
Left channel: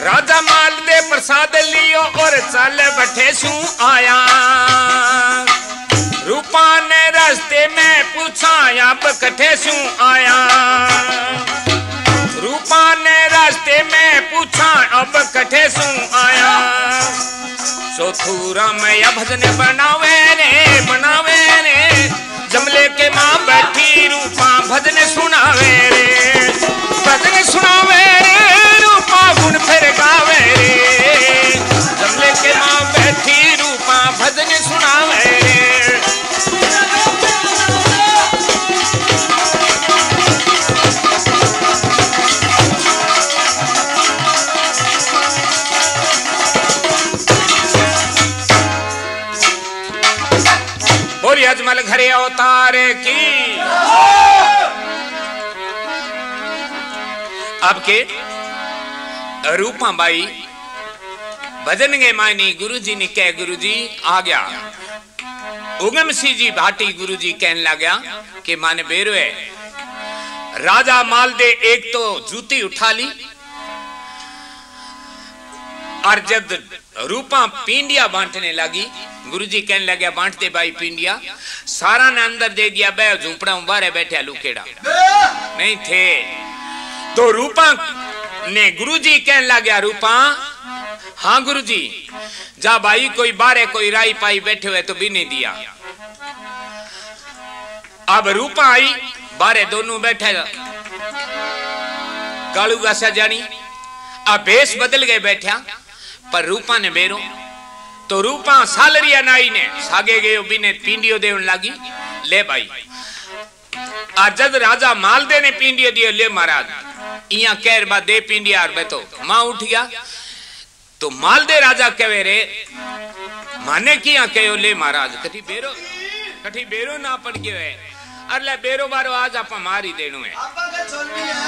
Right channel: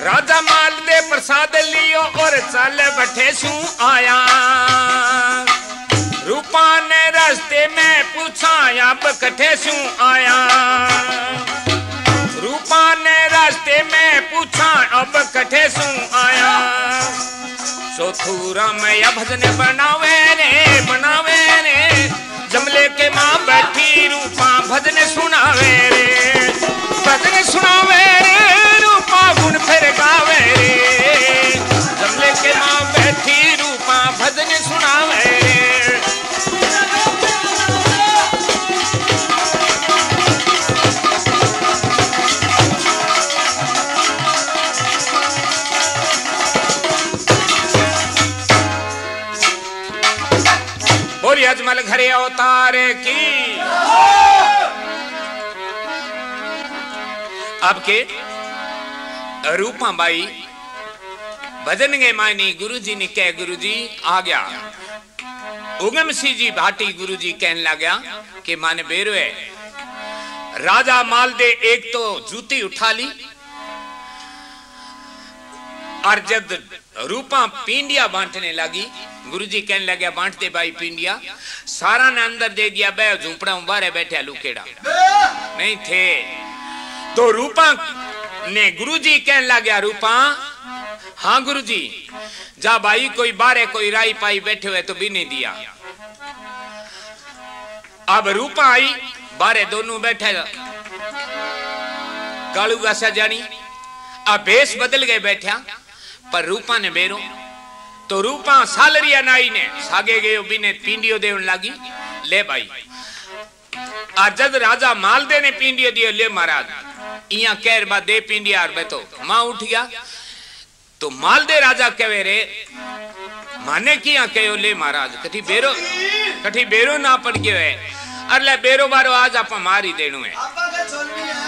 राजा माल दे प्रसाद लियो और चल बैठे सू आया। रूपा ने रास्ते में पूछा अब कठे सू आया, रूपा ने रास्ते में पूछा अब कठे सू आया। चौथुरा में या भजन बनावे रे जमले के माँ बैठी रूपा भजन सुनावे रे, भजन सुनावे रे, रूपा गुण फिर गावे रे, जमले के मां बैठी रूपा भजन सुनावे रे। बोली अजमल घरे अवतार की। अब के रूपा बाई भजन के मायने गुरु जी ने कह, गुरु जी आ गया। उगम सिंह जी भाटी गुरु जी कहने लगा कि माने बेरो है। राजा माल दे एक तो जूती उठा ली, और जब रूपा पिंडिया बांटने लगी, गुरुजी कहने लगे बांटते भाई पिंडिया, सारा ने अंदर दे दिया, बे झूपड़ा बाहर बैठे लुकेड़ा नहीं थे। तो रूपा ने गुरुजी कहने लगे, रूपा हाँ गुरुजी, जा भाई कोई बारे कोई राई पाई बैठे हुए तो भी नहीं दिया। अब रूपा आई, बारे दोनों बैठे, कालू गासा जानी, अब भेष बदल गए बैठा, पर रूपा ने बेरो। तो रूपा सालरिया नाई ने सागे गयो बिने पिंडियो देवन लागी, ले भाई। आज जब राजा मालदे ने पिंडियो दियो, ले महाराज इया कहर बा दे पिंडिया, और तो मां उठ गया। तो मालदे राजा कहे रे माने किया कहो, ले महाराज कठी बेरो ना पड़ गयो है, अरे बेरो बारो आज आप मारी देनु है,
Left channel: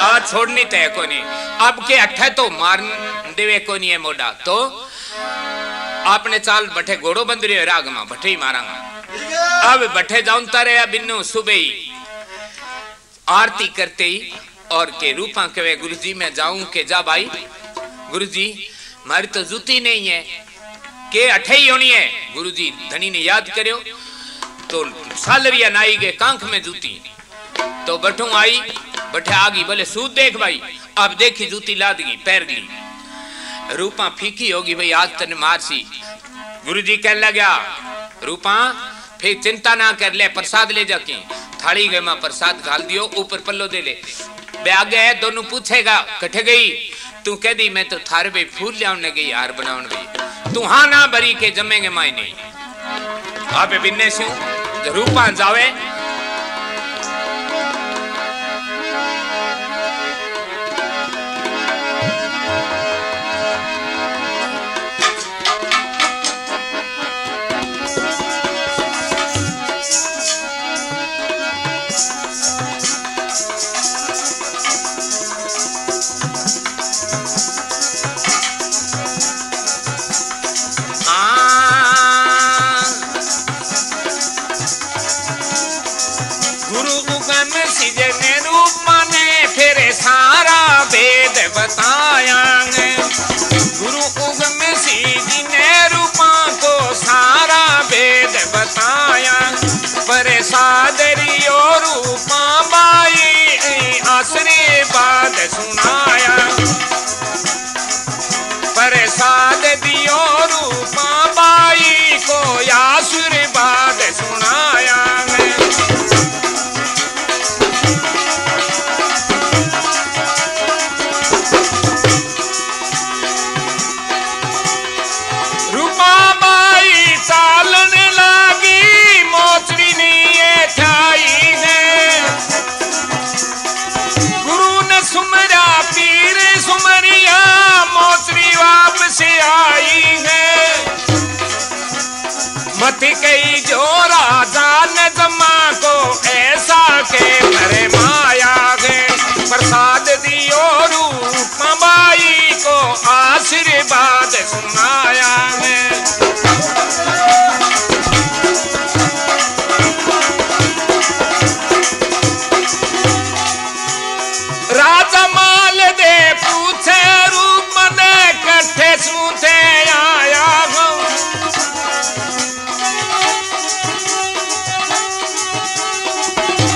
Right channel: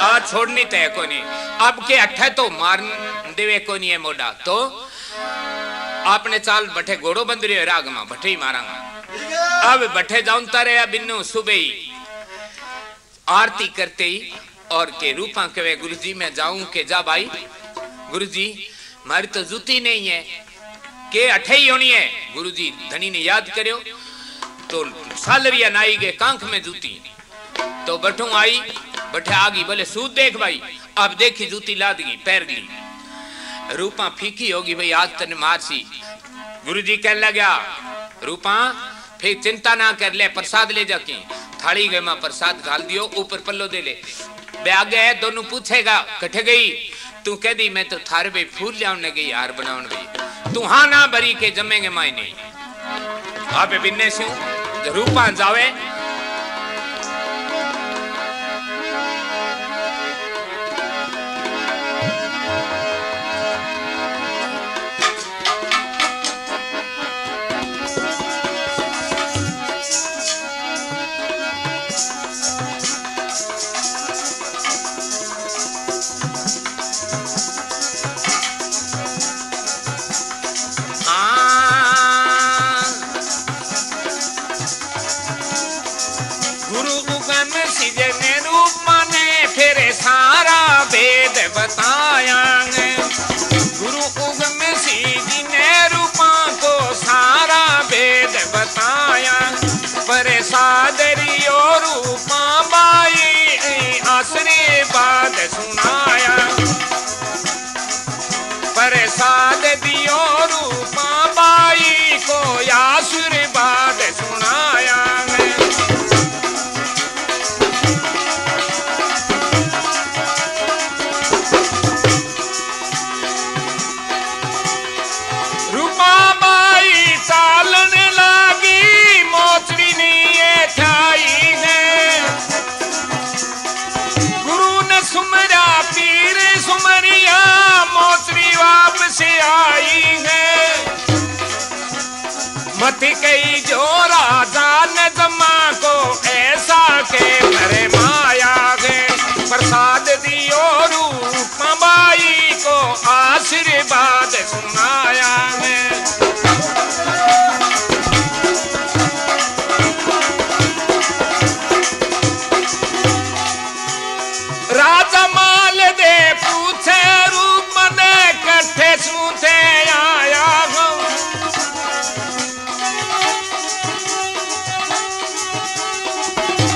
आज छोड़नी तय को नहीं। अब के अठे तो मार देवे को नहीं है मोड़ा, तो आपने चाल बठे घोड़ो बंद रहे राग में बठे ही मारांगा। अब बठे जाऊंता रहे बिन्नो सुबह ही आरती करते ही, और के रूपा कहे गुरुजी मैं जाऊं के जा भाई। गुरुजी मारी तो जूती नहीं है, के अठे ही होनी है। गुरुजी धनी ने याद करो, तो सालरिया नाई गए कांख में जूती, तो बठू आई बठे आगी, बोले सूद देख भाई। अब देखी जूती लाद गई, पैर गई, रूपा फीकी होगी भाई, आज तने मारसी। गुरुजी कहने लगा, रूपा फिर चिंता ना कर, ले प्रसाद ले जाके थाली गए मां प्रसाद घाल दियो, ऊपर पल्लो दे ले। बे आगे है दोनों पूछेगा कटे गई, तू कह दी मैं तो थारे भाई फूल लियाने गई, हार बनाने गई, तू हाँ ना भरी के जमेंगे माई नहीं। आप बिन्ने से रूपा जावे, बताया गुरु उगम सिंह जी ने रूपा को सारा वेद बताया, पर सादरियो रूपा बाई आशीर्वाद सुनाया, पर साद दियो रूपा बाई को आशीर्वाद सुनाया। से आई है मत कई जो राजा ने जमा को ऐसा के मेरे माया है, प्रसाद दियो रूपा बाई को आशीर्वाद सुनाया है। राजा माल दे पूछे रूप ने कट्ठे सूते आया हूँ,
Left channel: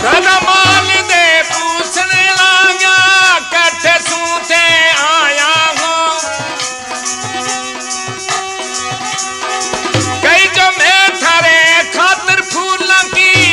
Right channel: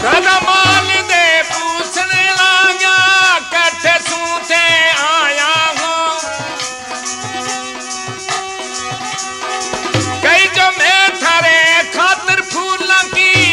राजा माल दे पूछने लगा कट्ठे सूते आया हूँ, कई जो मैं थारे खातिर फूल की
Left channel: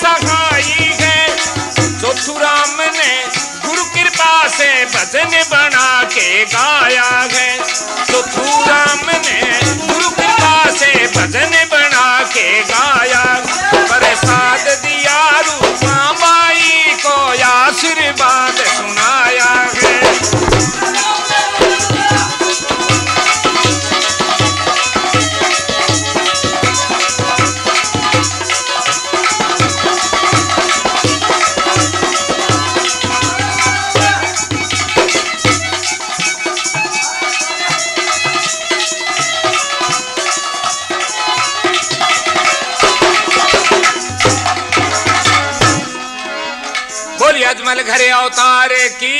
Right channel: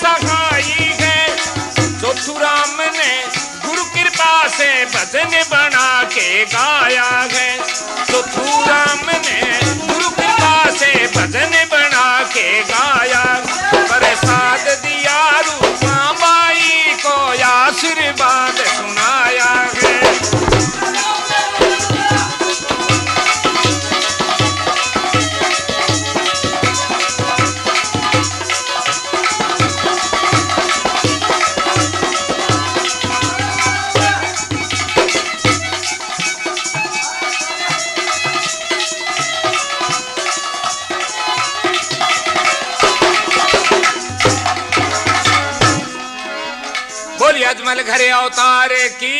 सहाई है। चौथू राम ने गुरु कृपा से भजन बना के गाया है। चौथू राम ने गुरु कृपा से भजन बना के गाया। प्रसाद दिया रूपा बाई को आशीर्वाद सुनाया है। अजमल घरे अवतार की।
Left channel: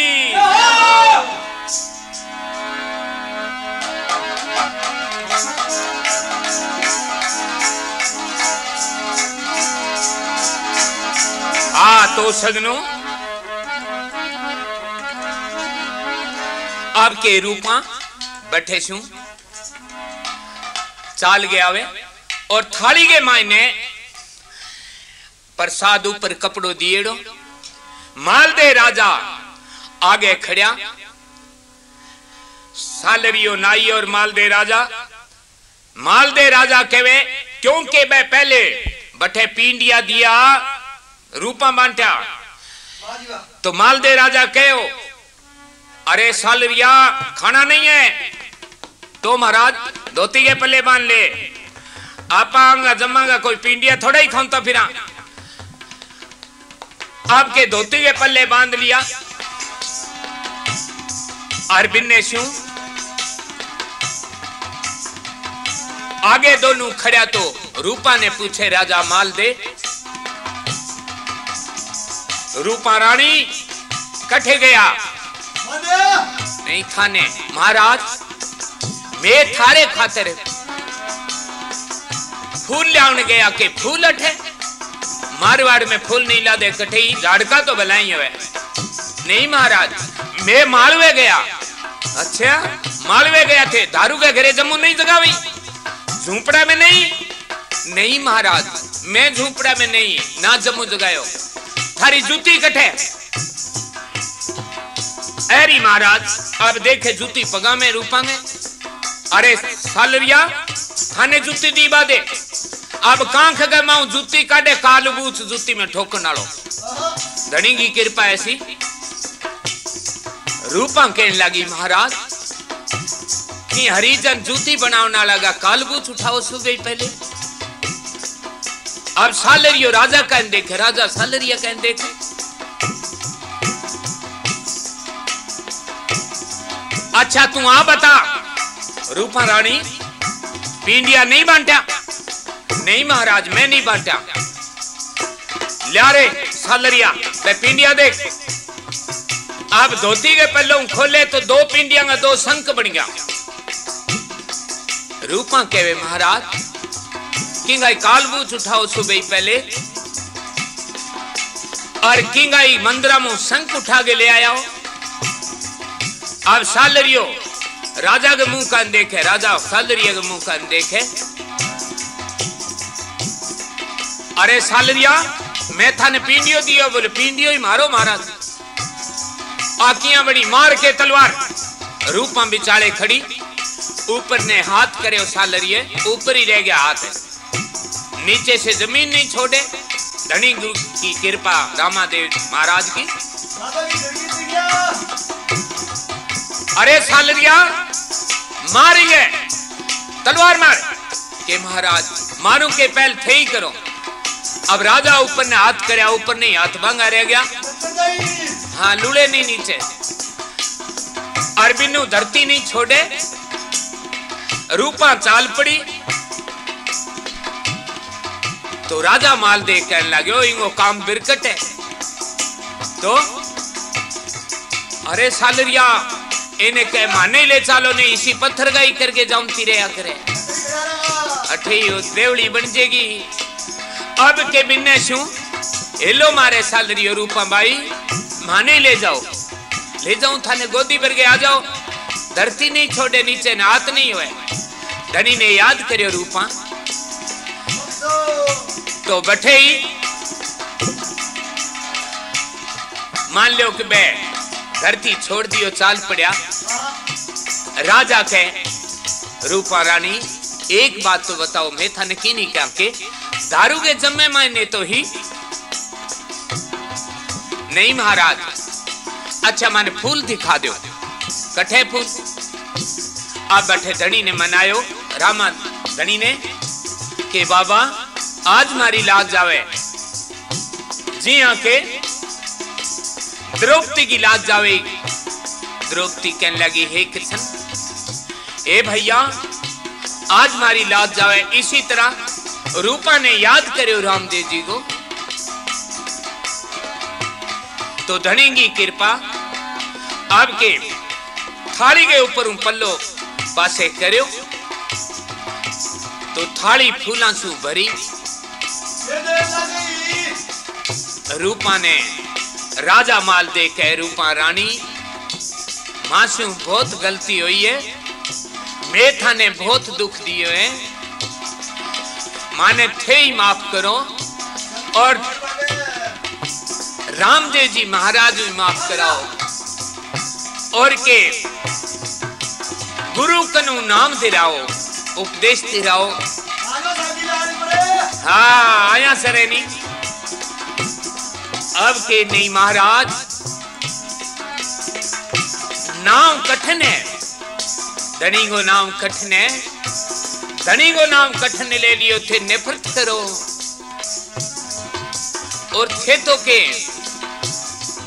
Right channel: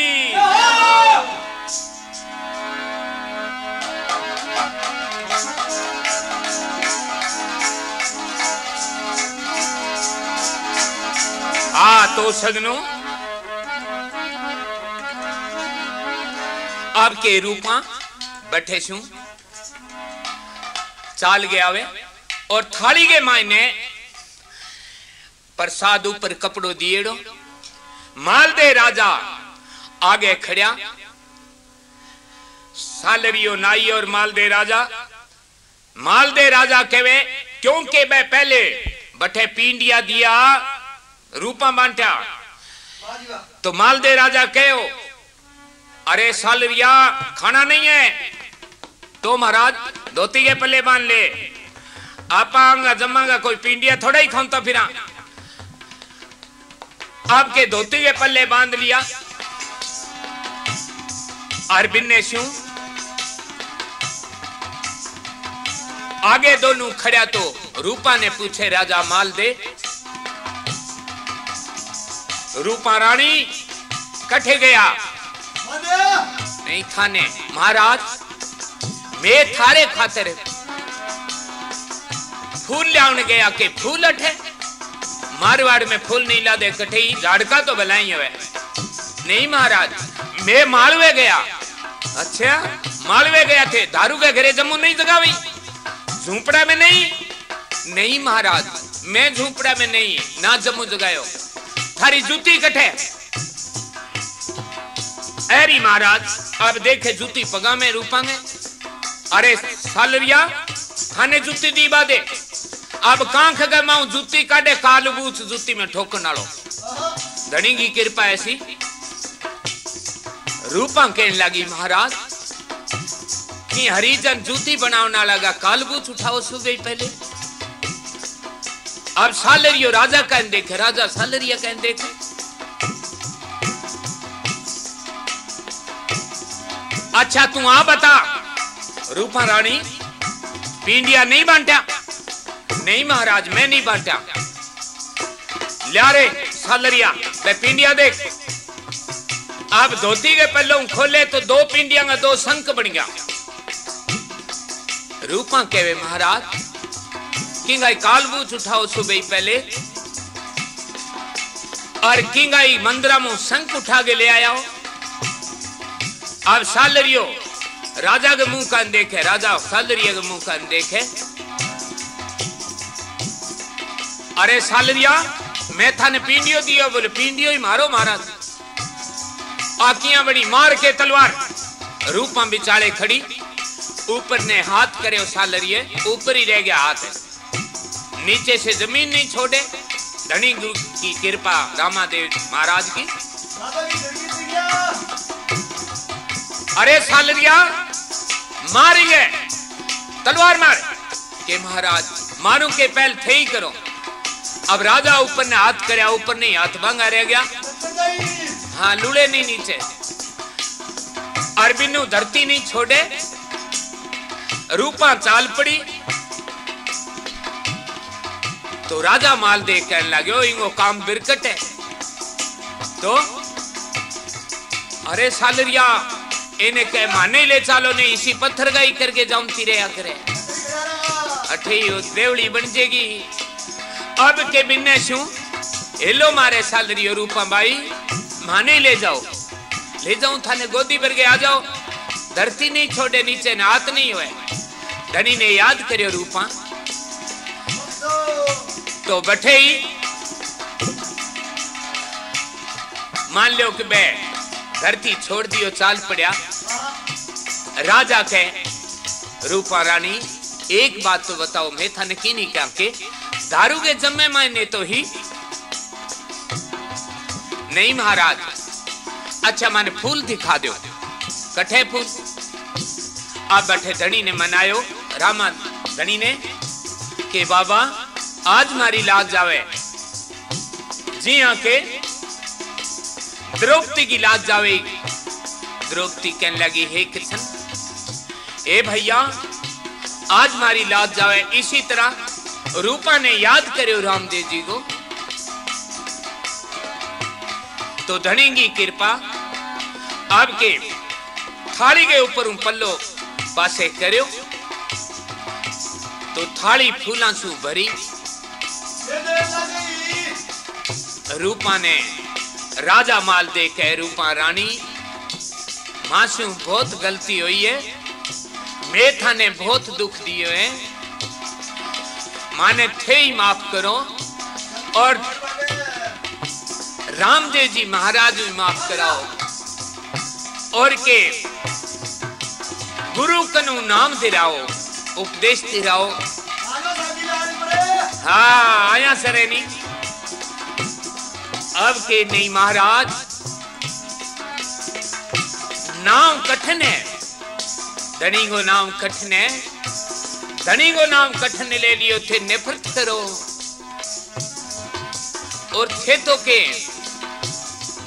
तो सजनों आपके रूपा बैठे छू चाल गया वे और थाली के मायने प्रसाद ऊपर कपड़ो दिएड़ो। मालदे राजा आगे खड़िया। सालरियो नाई और मालदे राजा कहवे क्योंकि मैं पहले बठे पींडिया दिया रूपा बांटा। तो मालदे राजा कहो अरे सालरिया खाना नहीं है तो महाराज धोती के पल्ले बांध ले। आपांगा जमांगा कोई पींडिया थोड़ा ही खाऊंता फिरा। आपके धोती के पल्ले बांध लिया। अरबिन ने शू आगे दोनों खड़ा। तो रूपा ने पूछे राजा मालदे रूपा रानी कठे गया नहीं खाने। महाराज मैं थारे खातिर फूल लाने गया के फूल अठे। मारवाड़ में फूल नहीं ला दे कठे झाड़का तो भलाई है। नहीं महाराज मैं मालवे गया। अच्छा मालवे गया थे दारू के घरे जम्मू नहीं जगावी झूपड़ा में नहीं महाराज मैं झूपड़ा में नहीं ना जम्मू जगायो। थारी जूती कठे ऐरी महाराज अब देखे जूती पगा में रूपा में। अरे सालरिया थाने जूती दी बादे अब कांख गमाऊ जूती काटे कालबूच जूती में ठोकन आलो। धनी की कृपा ऐसी। रूपा कहने लगी महाराज कि हरिजन जूती बनावना लगा कालबूच उठाओ सुबह पहले। अब सालरियो राजा कहने देखे राजा सालरिया कहने देखे। अच्छा तू आ बता रूपा रानी पींडिया नहीं बांटा। नहीं महाराज मैं नहीं बांटा। लिया रे सालरिया मैं पींडिया देख। आप धोती के पल्लों खोले तो दो पींडिया का दो संक बन गया। रूपा कहवे महाराज किंगाई कालबूच उठाओ सुबह पहले और किंगाई मंदिरा में संक उठा के ले आया हो। अब सालरियो राजा के मुंह का देखे राजा सालरिया के मुंह का देखे। अरे सालरिया मैं थाने पींडियो दियो बोले पींडियो ही मारो महाराज। आकियां बड़ी मार के तलवार रूपा बिचाले खड़ी ऊपर ने हाथ करे सालरिये ऊपर ही रह गया हाथ नीचे से जमीन नहीं छोड़े। धनी गुरु की कृपा रामादेव महाराज की। अरे सालरिया मारिए तलवार मार के महाराज मारू के पहल थे ही करो। अब राजा ऊपर ने हाथ करे ऊपर नहीं हाथ भंगा रह गया। हाँ लूले नहीं नीचे अरबिनु धरती नहीं छोड़े। रूपा चाल पड़ी तो राजा माल देख कहने लगे इनको काम बिरकट है। तो अरे सालरिया इन्हें कह माने ले चालो नहीं इसी पत्थर गाई करके जाऊंती रहा करे अठे देवड़ी बन जाएगी। अब के बिन्ने शू हेलो मारे सालरियो रूपा बाई माने ले जाऊं थाने गोदी भर के आ जाओ। धरती नहीं छोड़े नीचे न हाथ नहीं हुए। धनी ने याद करियो रूपा तो बैठे ही मान लो कि बे धरती छोड़ दियो चाल पड़ा राजा के रूपा रानी एक बात तो बताओ मैं था की नहीं क्या के दारू के जम्मे मायने तो ही नहीं महाराज। अच्छा माने फूल दिखा दो कठे फूल। अब बैठे धनी ने मनायो रामा धनी ने के बाबा आज मारी लाज जावे जी हाँ के द्रौपदी की लाज जावे। द्रौपदी कहने लगी हे कृष्ण ए भैया आज मारी लाज जावे। इसी तरह रूपा ने याद करे रामदेव जी को तो धनी की कृपा आपके थाली के ऊपर पल्लो पासे करो तो थाली फूलों से भरी। रूपा ने राजा माल दे के रूपा रानी मासू बहुत गलती हुई है मैं थाने बहुत दुख दिए है माने थे ही माफ करो और रामदेव जी महाराज भी माफ कराओ और के गुरु कनु नाम दिलाओ उपदेश दिलाओ। हाँ आया सरेनी अब के नहीं महाराज नाम कठिन है धनी को नाम कठिन है धनी को नाम कठिन ले लियो थे नफरत करो और थे तो के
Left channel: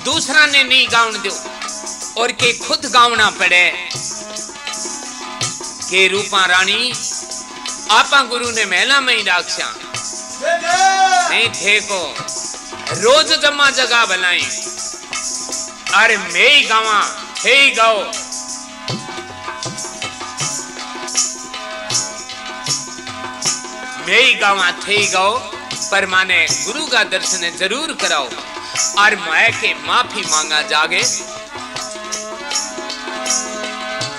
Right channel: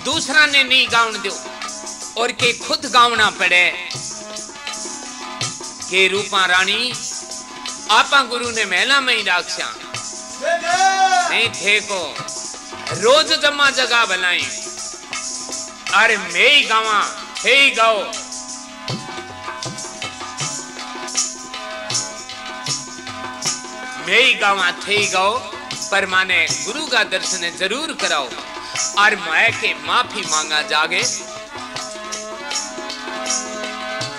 दूसरा ने नहीं गाउन दो और के खुद गावना पड़े के रूपा रानी आपा गुरु ने महिला में ही राक्षा नहीं थे को रोज जमा जगह बनाई अरे मैं ही गावा थे ही गाओ। मैं ही गावा थे ही गाओ पर माने गुरु का दर्शन जरूर कराओ और मैं के माफी मांगा जागे।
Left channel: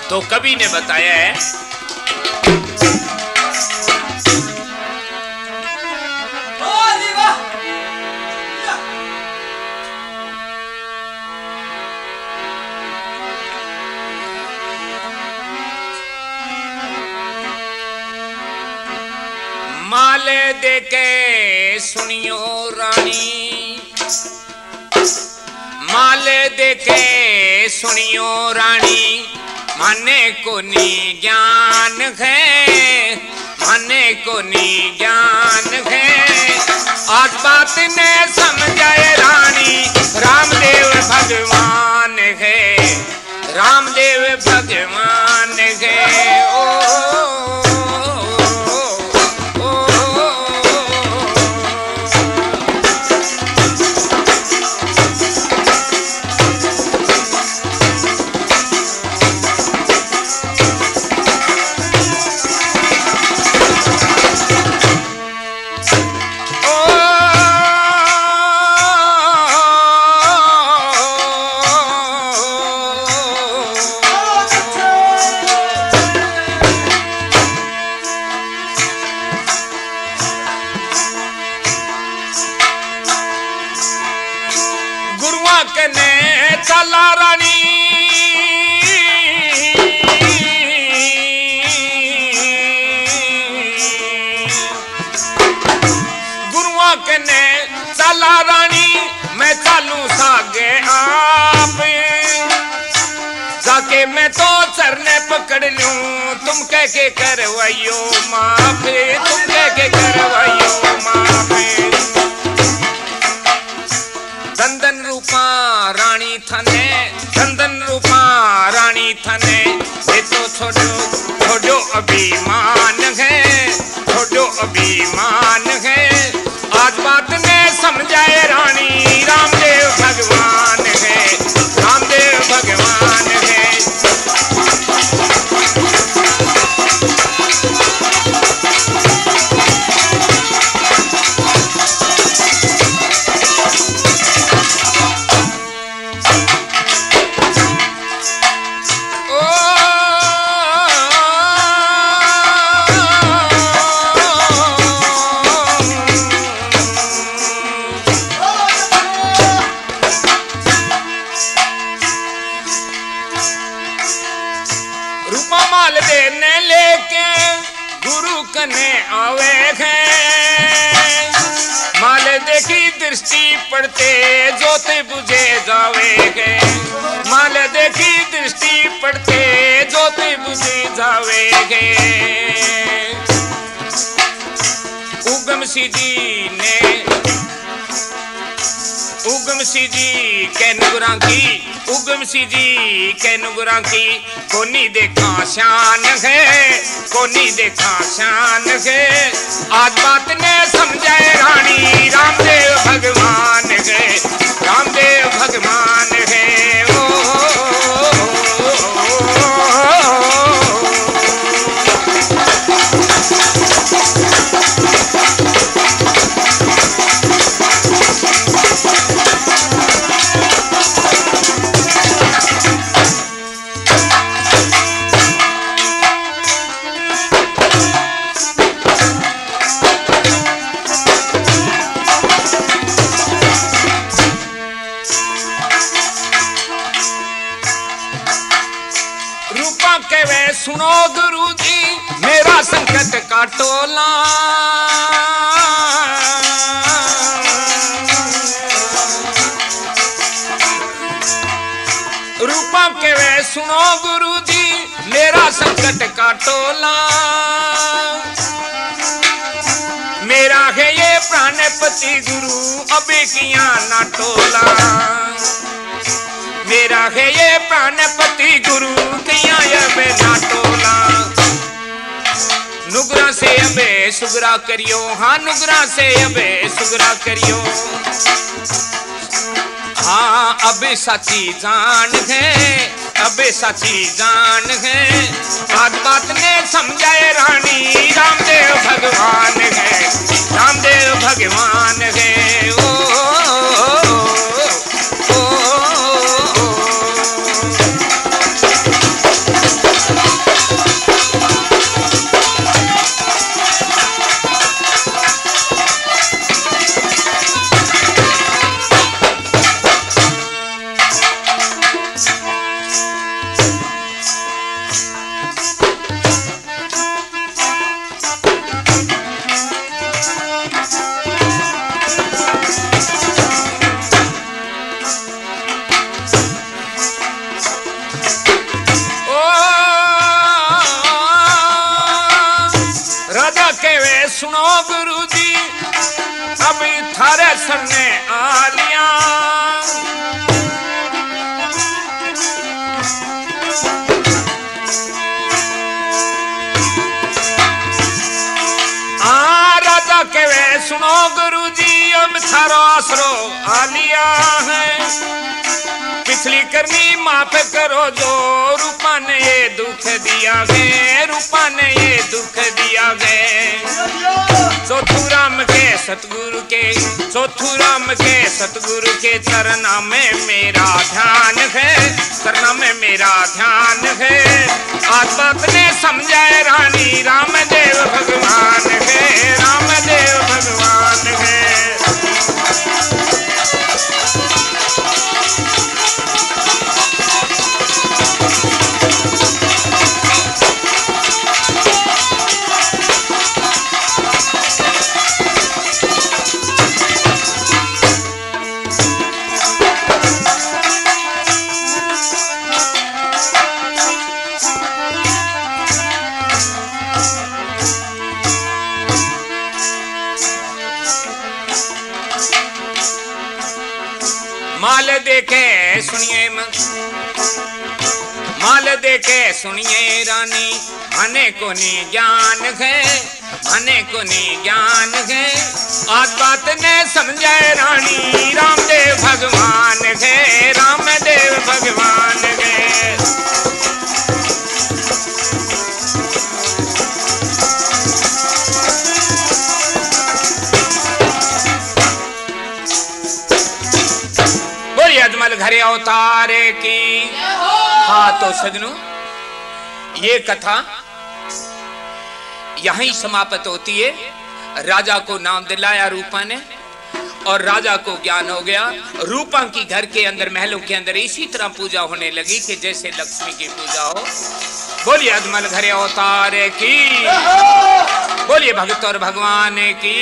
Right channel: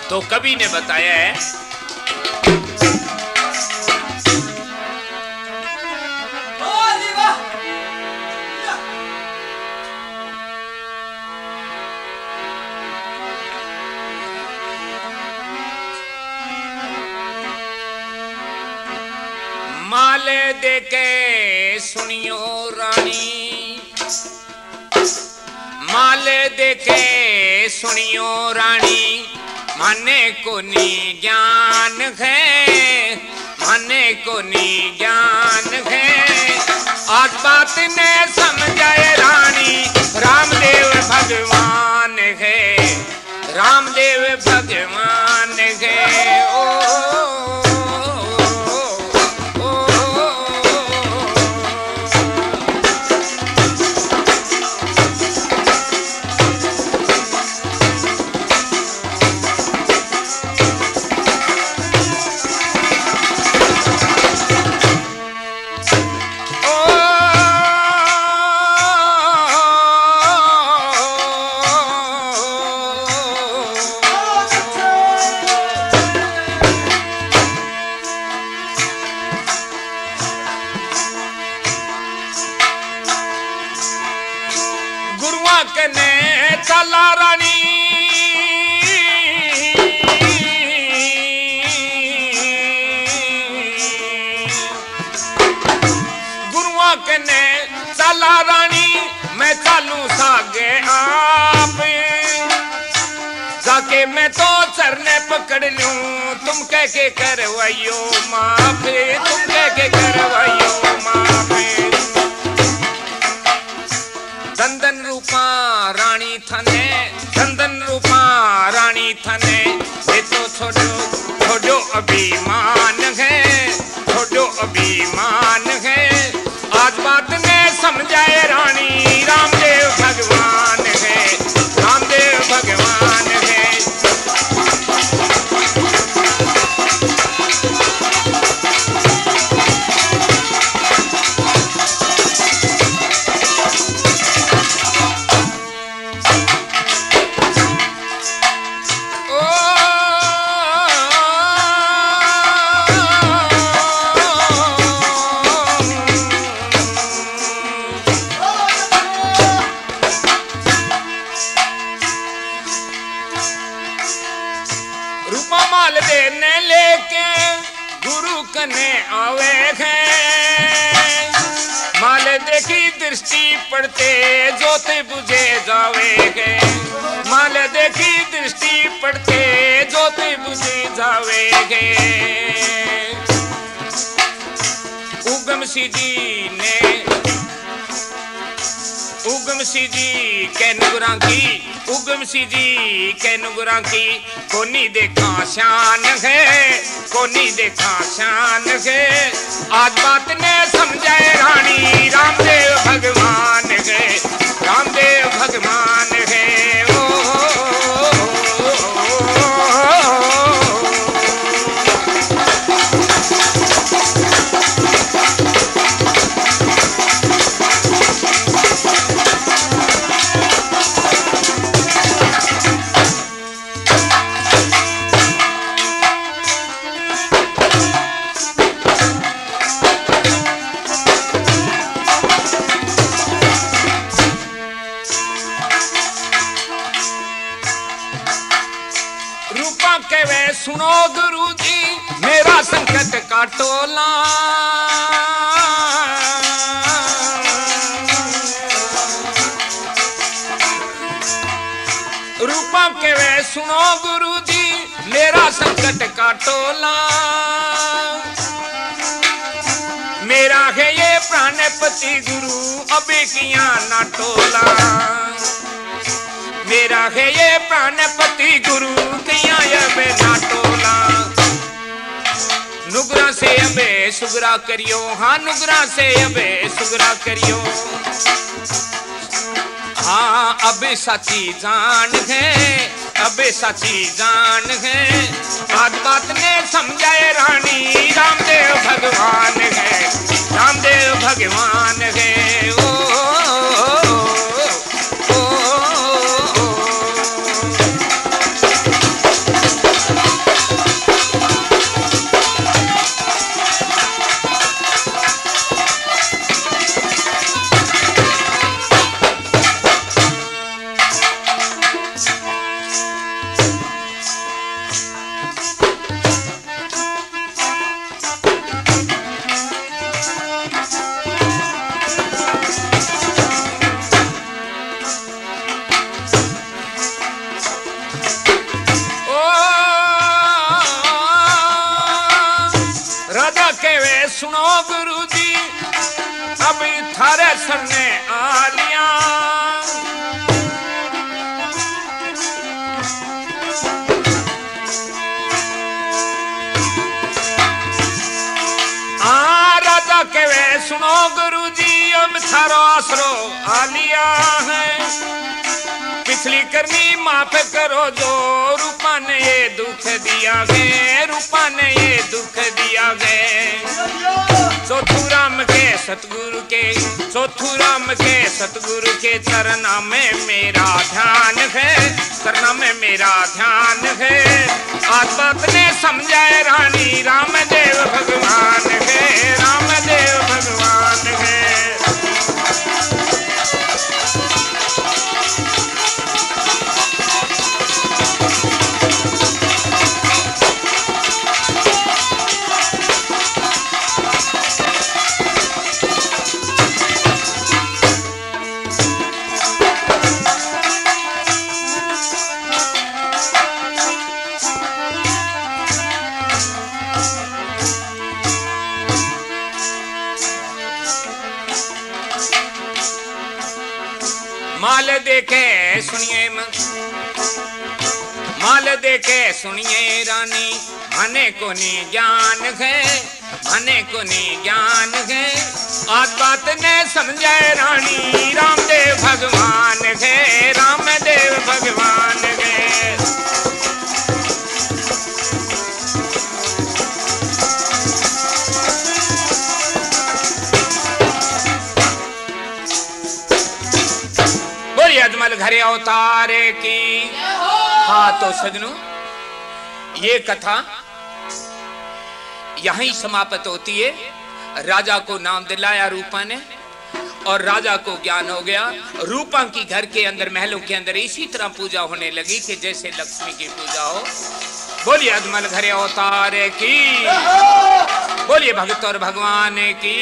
तो कवि ने बताया है माले देके सुनियो रानी माले देके सुनियो रानी माने को नी ज्ञान है माने को नी ज्ञान है आज बात ने समझाए रानी रामदेव भगवान है रामदेव भगवान है। ओ कने चला रानी गुरुआ कने चला रानी मैं चालू सागे आप जाके मैं तो चरने पकड़ लूं तुम कह के करवाइयो माफ तुम कह के करवाइयो माफ। चंदन रूपा रानी थने चंदन रूपा रानी थने ये तो छोड़ो अभिमान है छोड़ो अभिमान है आज बात ने समझाए रानी रामदेव भगवान है रामदेव भगवान है। ने लेके गुरु कने आवे है, माल देखी दृष्टि पड़ते जोते बुझे जावे है, माल देखी दृष्टि पड़ते जोते बुझे जावे है। उगम सिंह जी ने उगम सिंह जी के नुगरा की, उगम सिंह जी के नुगरा की कोनी देखा शान है, कोनी देखा शान है। आज बात ने समझाए रानी रामदेव भगवान है, रामदेव भगवान है। ओ, सुनो गुरु जी मेरा संकट काटोला, रूपा के वे सुनो गुरु जी मेरा संकट काटोला। मेरा है ये प्राणपति गुरु अबे किया ना टोला, मेरा है ये प्राणपति गुरु किया अबे ना टोला। नुगरा से अबे सुगरा करियो, हाँ नुगरा से अबे सुगरा करियो। हाँ अबे साची जान है, अबे साची जान है। बात बात ने समझाए रानी रामदेव भगवान है, रामदेव भगवान है। ओ, सुनो गुरु जी अब थारे सरने आ लिया, राजा के वे सुनो गुरु जी अब थारो आसरो आ लिया है। पिछली करनी माफ करो जो रूपा ने ये दुख दिया गे, रूपा ने ये दुख दिया गे। चौथू राम के सतगुरु के, चौथू राम के सतगुरु के चरणा में मेरा ध्यान है, चरणा में मेरा ध्यान है। आज बात ने समझाए रानी रामदेव भगवान है, रामदेव भगवान है। माल देखे सुनिए माल देखे सुनिए रानी, मने को नी ज्ञान है, मने को नी ज्ञान है। आज बात ने समझाए रानी रामदेव भगवान है, रामदेव भगवान है। घरे अवतारे की। हाँ तो सजनों ये कथा यहीं समाप्त होती है। राजा को नाम दिलाया रूपा ने और राजा को ज्ञान हो गया। रूपा की घर के अंदर महलों के अंदर इसी तरह पूजा होने लगी कि जैसे लक्ष्मी की पूजा हो। बोलिए अजमल घरे अवतारे की, बोलिए भगत और भगवान की।